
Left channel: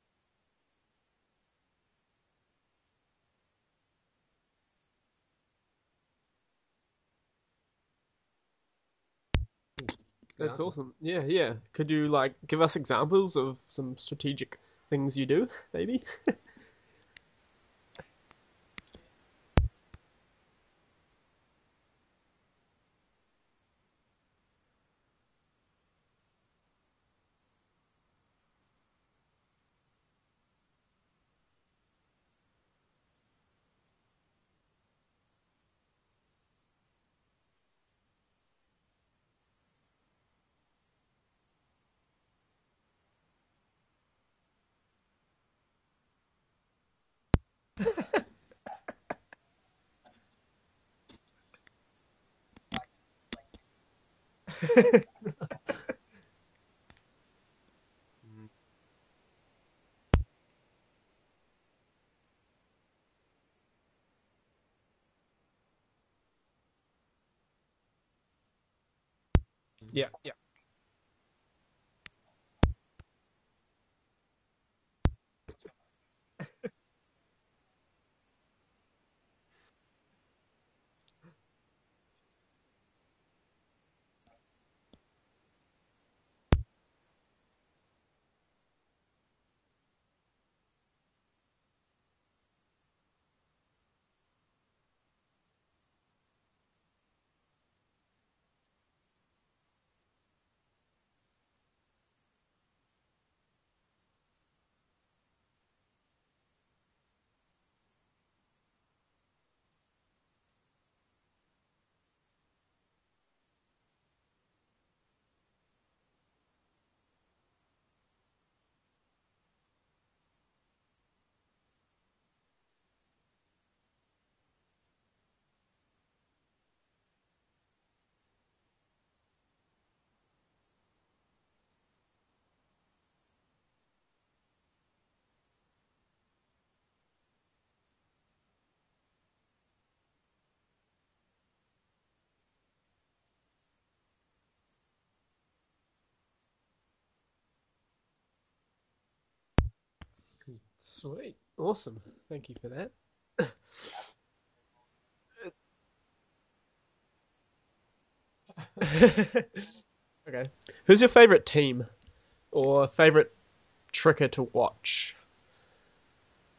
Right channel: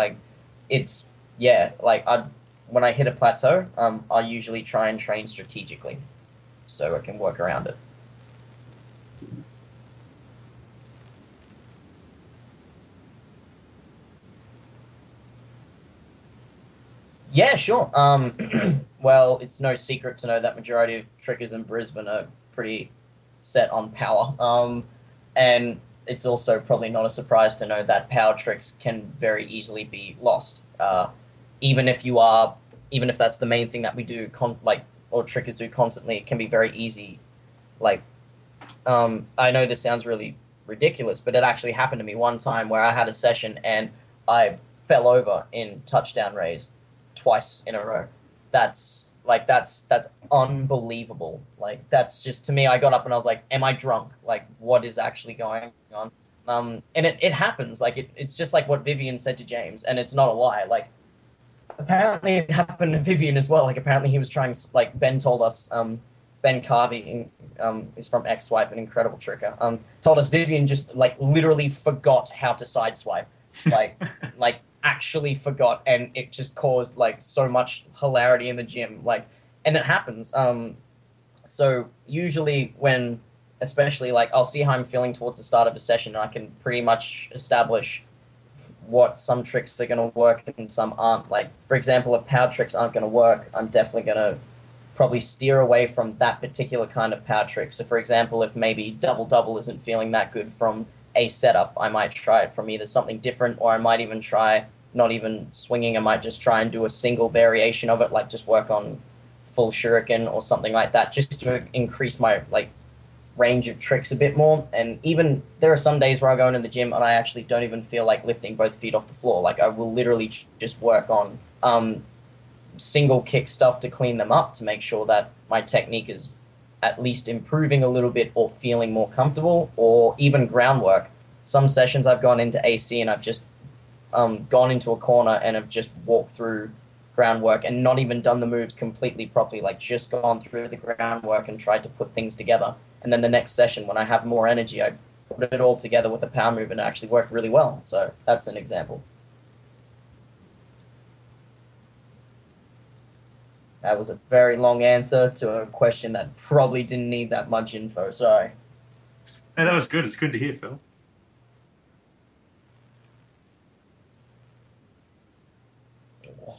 When I hit a plateau, I usually try and train strategically so I can work around it. That's awesome. Yeah. Could you give us examples of some strategic things you do, maybe? Yeah, sure. Well, it's no secret to know that majority of trickers in Brisbane are pretty set on power. And it's also probably not a surprise to know that power tricks can very easily be lost. Even if you are, even if that's the main thing that we do, or trickers do constantly, it can be very easy. Like, I know this sounds really ridiculous, but it actually happened to me one time where I had a session and I fell over in touchdown raise twice in a row. That's unbelievable. Like, that's just, to me, I got up and I was like, am I drunk? Like, what is actually going on? And it happens. Like, it's just like what Vivian said to James, and it's not a lie. Like, apparently it happened to Vivian as well. Like, apparently he was trying, like, Ben told us, Ben Carvey is from X-Swipe, an incredible tricker. Told us Vivian just, like, literally forgot how to sideswipe. Like, like, actually forgot, and it just caused, like, so much hilarity in the gym. Like, and it happens. So usually when, especially, like, I'll see how I'm feeling towards the start of a session, and I can pretty much establish what some tricks are going to work and some aren't. Like, for example, if power tricks aren't going to work, I'm definitely going to probably steer away from that particular kind of power trick. So, for example, if maybe double-double isn't feeling that good from a setup, I might try it from either something different, or I might even try not even swinging. I might just try and do a single variation of it, like just work on full shuriken or something like that, just to increase my, like, range of tricks a bit more. And even there are some days where I go into the gym and I actually don't even feel like lifting both feet off the floor. Like, I will literally just work on single kick stuff to clean them up, to make sure that my technique is at least improving a little bit or feeling more comfortable, or even groundwork. Some sessions I've gone into AC and I've just gone into a corner and have just walked through groundwork and not even done the moves completely properly, like just gone through the groundwork and tried to put things together. And then the next session, when I have more energy, I put it all together with a power move, and it actually worked really well. So that's an example. Sweet. Awesome. Thank you for that. That was a very long answer to a question that probably didn't need that much info. Sorry. Yeah, that was good. It's good to hear, Phil. Who's your favourite team or favourite tricker to watch?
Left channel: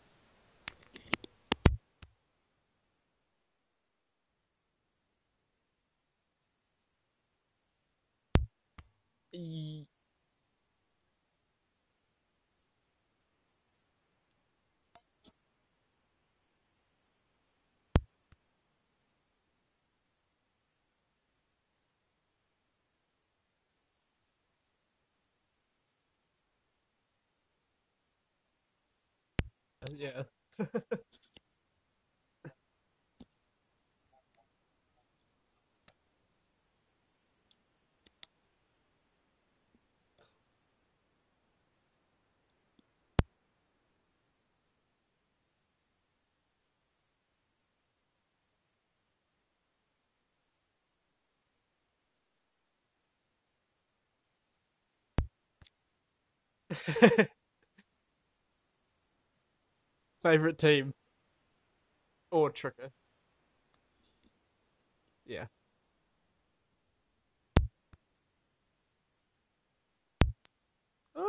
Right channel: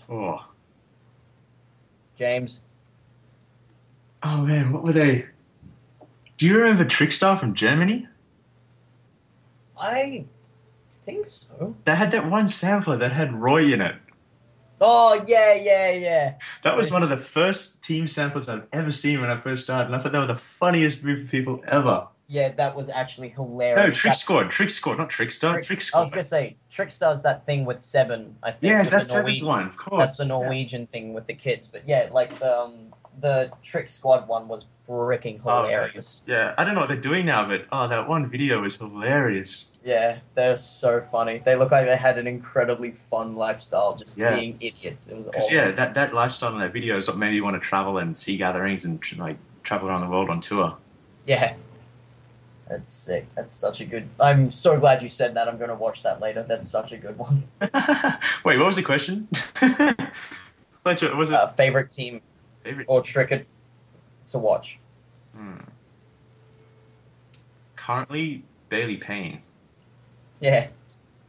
Oh. James? Oh, man, what were they? Do you remember Trickstar from Germany? I think so. They had that one sampler that had Roy in it. Oh, yeah. That was one of the first team samplers I've ever seen when I first started, and I thought they were the funniest group of people ever. Yeah, that was actually hilarious. No, Trick Squad, not Trickstar, Trick Squad. I was going to say, Trickstar's that thing with Seven, I think. Yeah, that's Seven's one, of course. That's the Norwegian thing with the kids. But yeah, like, the Trick Squad one was freaking hilarious. Yeah, I don't know what they're doing now, but that one video was hilarious. Yeah, they're so funny. They look like they had an incredibly fun lifestyle, just being idiots. It was awesome. Yeah, that lifestyle in that video is what made me want to travel and see gatherings and like travel around the world on tour. Yeah. That's sick. That's such a good... I'm so glad you said that. I'm going to watch that later. That's such a good one. Wait, what was the question? Favorite team? Was it favorite team or tricker? Or tricker to watch? Yeah. Currently, Daly Payne. Yeah.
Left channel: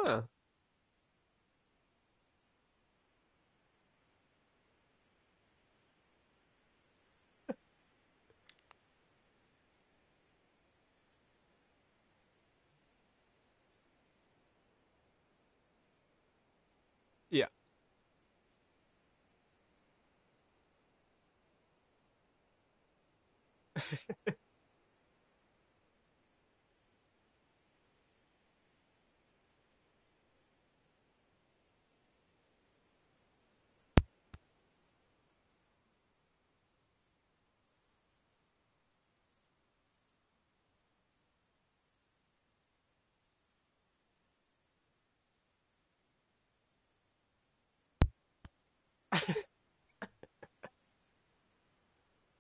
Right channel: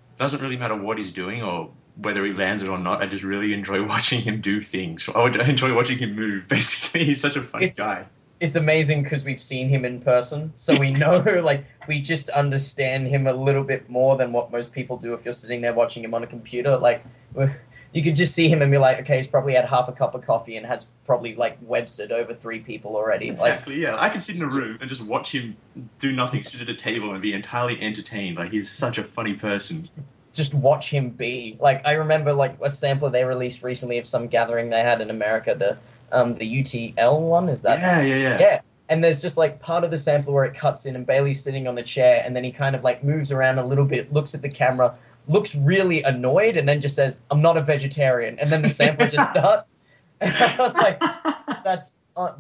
It doesn't really matter what he's doing or whether he lands it or not. I just really enjoy watching him do things. I enjoy watching him move, basically. He's such a funny guy. It's amazing because we've seen him in person, so we know, like, we just understand him a little bit more than what most people do if you're sitting there watching him on a computer. Like, you could just see him and be like, okay, he's probably had half a cup of coffee and has probably, like, Webstered over 3 people already. Exactly, yeah. I could sit in a room and just watch him do nothing, sit at a table and be entirely entertained. Like, he's such a funny person. Just watch him be. Like, I remember, like, a sampler they released recently of some gathering they had in America, the UTL one, is that? Yeah. And there's just, like, part of the sampler where it cuts in and Bailey's sitting on the chair and then he kind of, like, moves around a little bit, looks at the camera, looks really annoyed, and then just says, "I'm not a vegetarian." And then the sampler just starts. And I was like,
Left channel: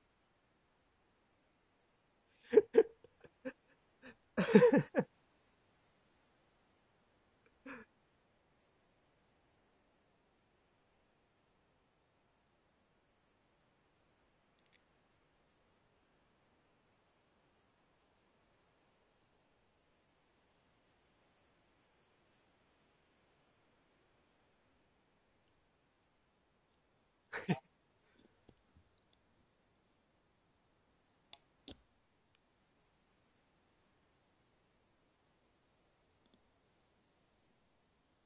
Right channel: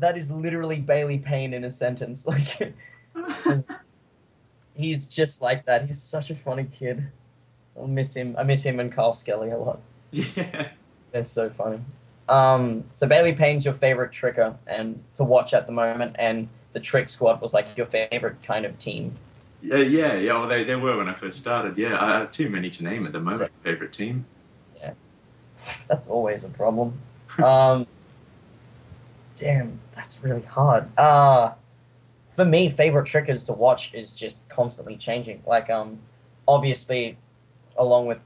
that is literally Bailey Payne in a sentence. Like, he's just like that. He's such a funny kid. I miss him and Carl Skelly a lot. Yeah. They're so funny. So Bailey Payne's your favorite tricker and to watch at the moment, and the Trick Squad was like your favorite kind of team. Yeah. Well, they were when I first started. Yeah, I have too many to name at the moment. Favorite team. Yeah. That's always a problem. Damn, that's really hard. For me, favorite trickers to watch is just constantly changing. Like, obviously, along with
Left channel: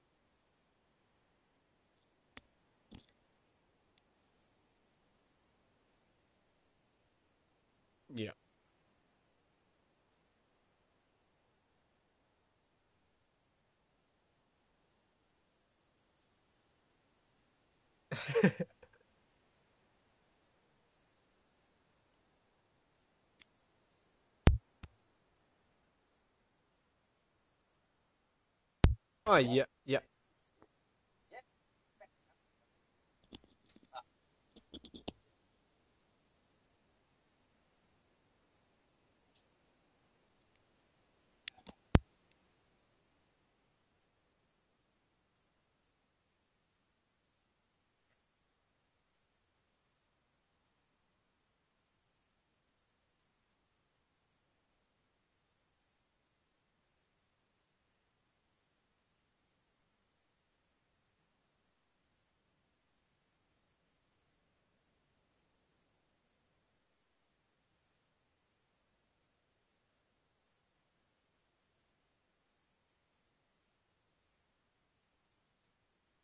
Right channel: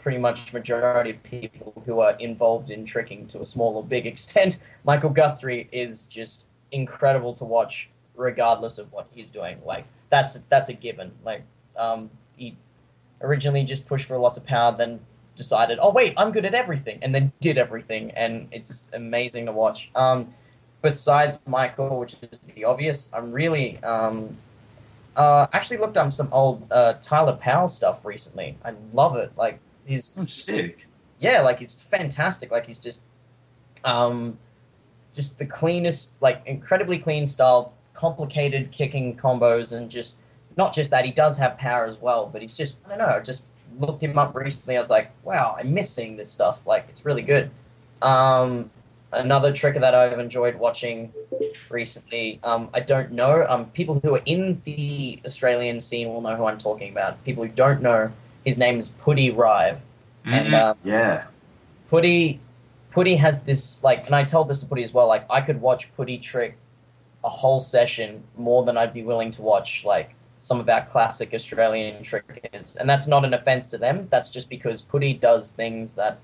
pretty much majority of people who are involved in tricking to a small or big extent, Michael Guthrie is just incredible to watch, regardless of what he's doing. Like, that's a given. Like, he originally just pushed for lots of power, then decided, oh wait, I'm good at everything, and then did everything, and it's amazing to watch. Besides Michael, which is the obvious, I'm really actually looked up some old Tyler Powell stuff recently. I love it. Oh, like, yeah. he's I'm sick. yeah, like he's fantastic. Like he's just the cleanest, like incredibly clean style, complicated kicking combos, and just not just that, he does have power as well, but he's just, I don't know, I just looked him up recently. I was like, wow, I miss seeing this stuff. Like, it's really good. Another tricker that I've enjoyed watching recently, I don't know, people who are in the Australian scene will know who I'm talking about. People who don't know, his name is Putty Rive. And yeah. Putty has this, like, and I told this to Putty as well, like, I could watch Putty trick a whole session more than I'd be willing to watch, like, some of our classic Australian trickers. And that's not an offense to them. That's just because Putty does things that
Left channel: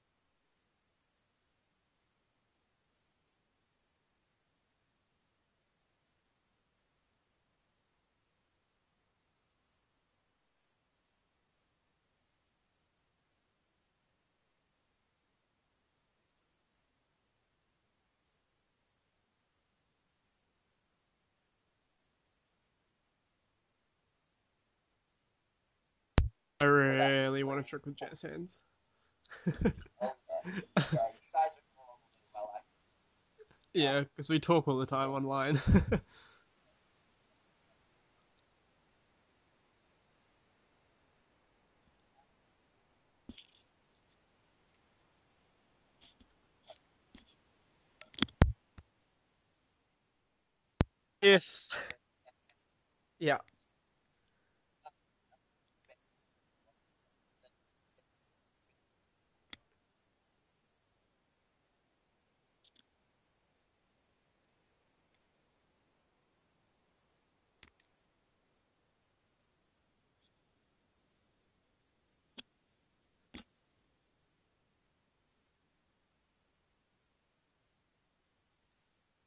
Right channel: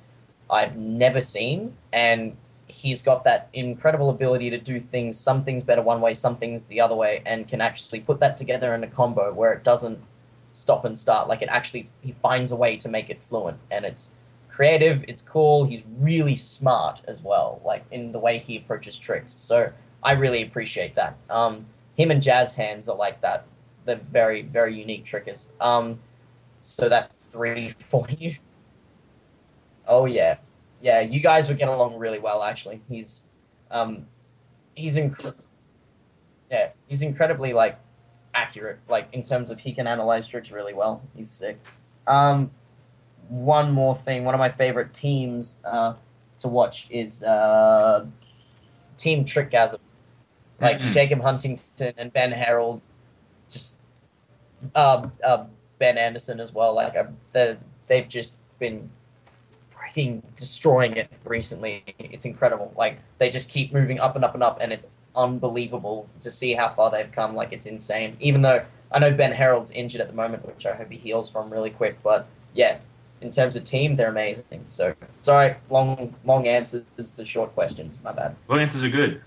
I've never seen, and he's got that incredible ability to do things, some things better one way, some things the other way, and can actually put that together in a combo where it doesn't stop and start. Like, he finds a way to make it fluent, and it's creative, it's cool, he's really smart as well, like, in the way he approaches tricks. So I really appreciate that. Him and Jazz Hands are like that. They're very, very unique trickers. So that's really for you. Oh yeah, yeah. You guys would get along really well, actually. He's yeah, because we talk all the time online. Yeah, he's incredibly like accurate. Like in terms of he can analyze tricks really well. He's sick. One more thing. One of my favorite teams to watch is Team Trickgasm. Like Jacob Huntington and Ben Harold. Yeah. Just Ben Anderson as well. Like they've just been freaking destroying it recently. It's incredible. Like they just keep moving up and up and up, and it's unbelievable to see how far they've come. Like it's insane. Even though I know Ben Harold's injured at the moment, which I hope he heals from really quick. But yeah, in terms of team, they're amazing. So sorry, long answers to short questions. My bad. Long answers are good.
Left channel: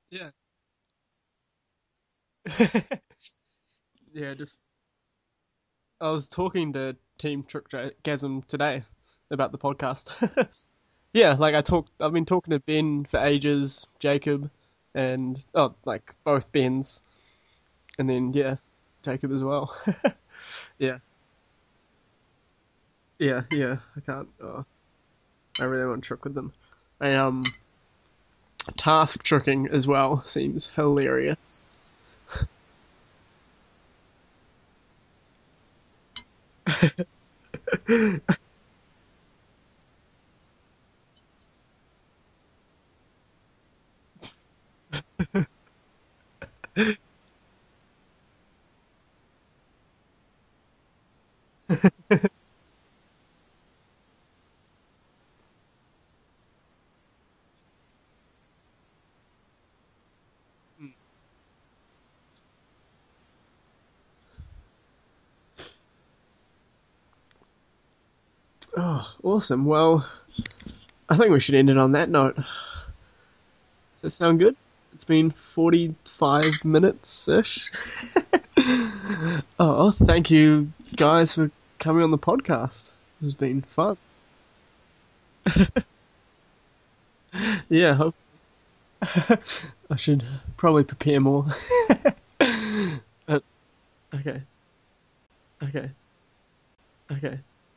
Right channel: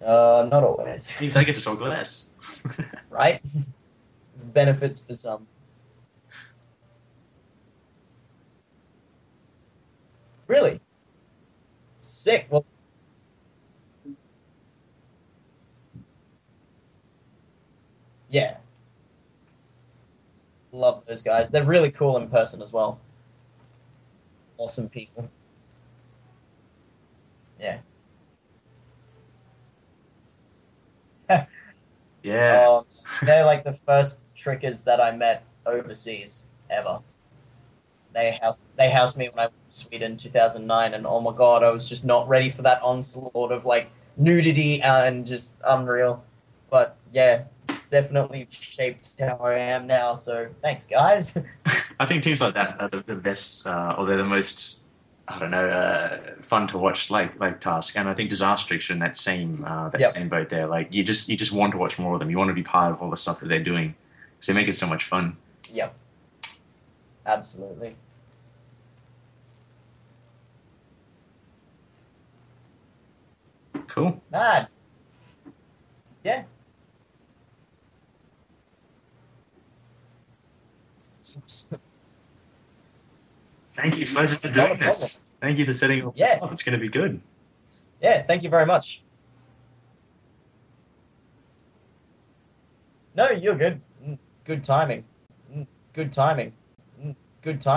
Not always. Means I get to talk less. Right? Yeah, just benefits for some. I was talking to Team Trickgasm today about the podcast. Really? Yeah, like I've been Sick. talking to Ben for ages, Jacob, and like both Bens, and then yeah Jacob as well. Love those guys. They're really cool in person as well. Yeah, I can't. Awesome people. I really want to trick with them. Yeah. Task tricking as well seems hilarious. Yeah. They're like the first trickers that I met overseas ever. They housed me when I went to Sweden in 2009, and oh my god, I was just not ready for that onslaught of like nudity and just unreal. But yeah, definitely shaped how I am now. So thanks, guys. I think teams like that are the best, or they're the most, I don't know, fun to watch. Like Task, and I think Disastrix are in that same same boat there. Like you just want to watch more of them. You want to be part of all the stuff that they're doing, so they make it so much fun. Yep. Absolutely. Oh, awesome. Well, I think we should end it on that note. Cool. Does that sound good? It's been 45 minutes-ish. Oh, thank you guys for coming on the podcast. This has been fun. Thank you for doing this. Thank you for setting up this up. It's going to be good. Yeah. Yeah, thank you very much. I should probably prepare more. No, you're good. Okay. Good timing. Okay. Good timing. Okay. Good timing.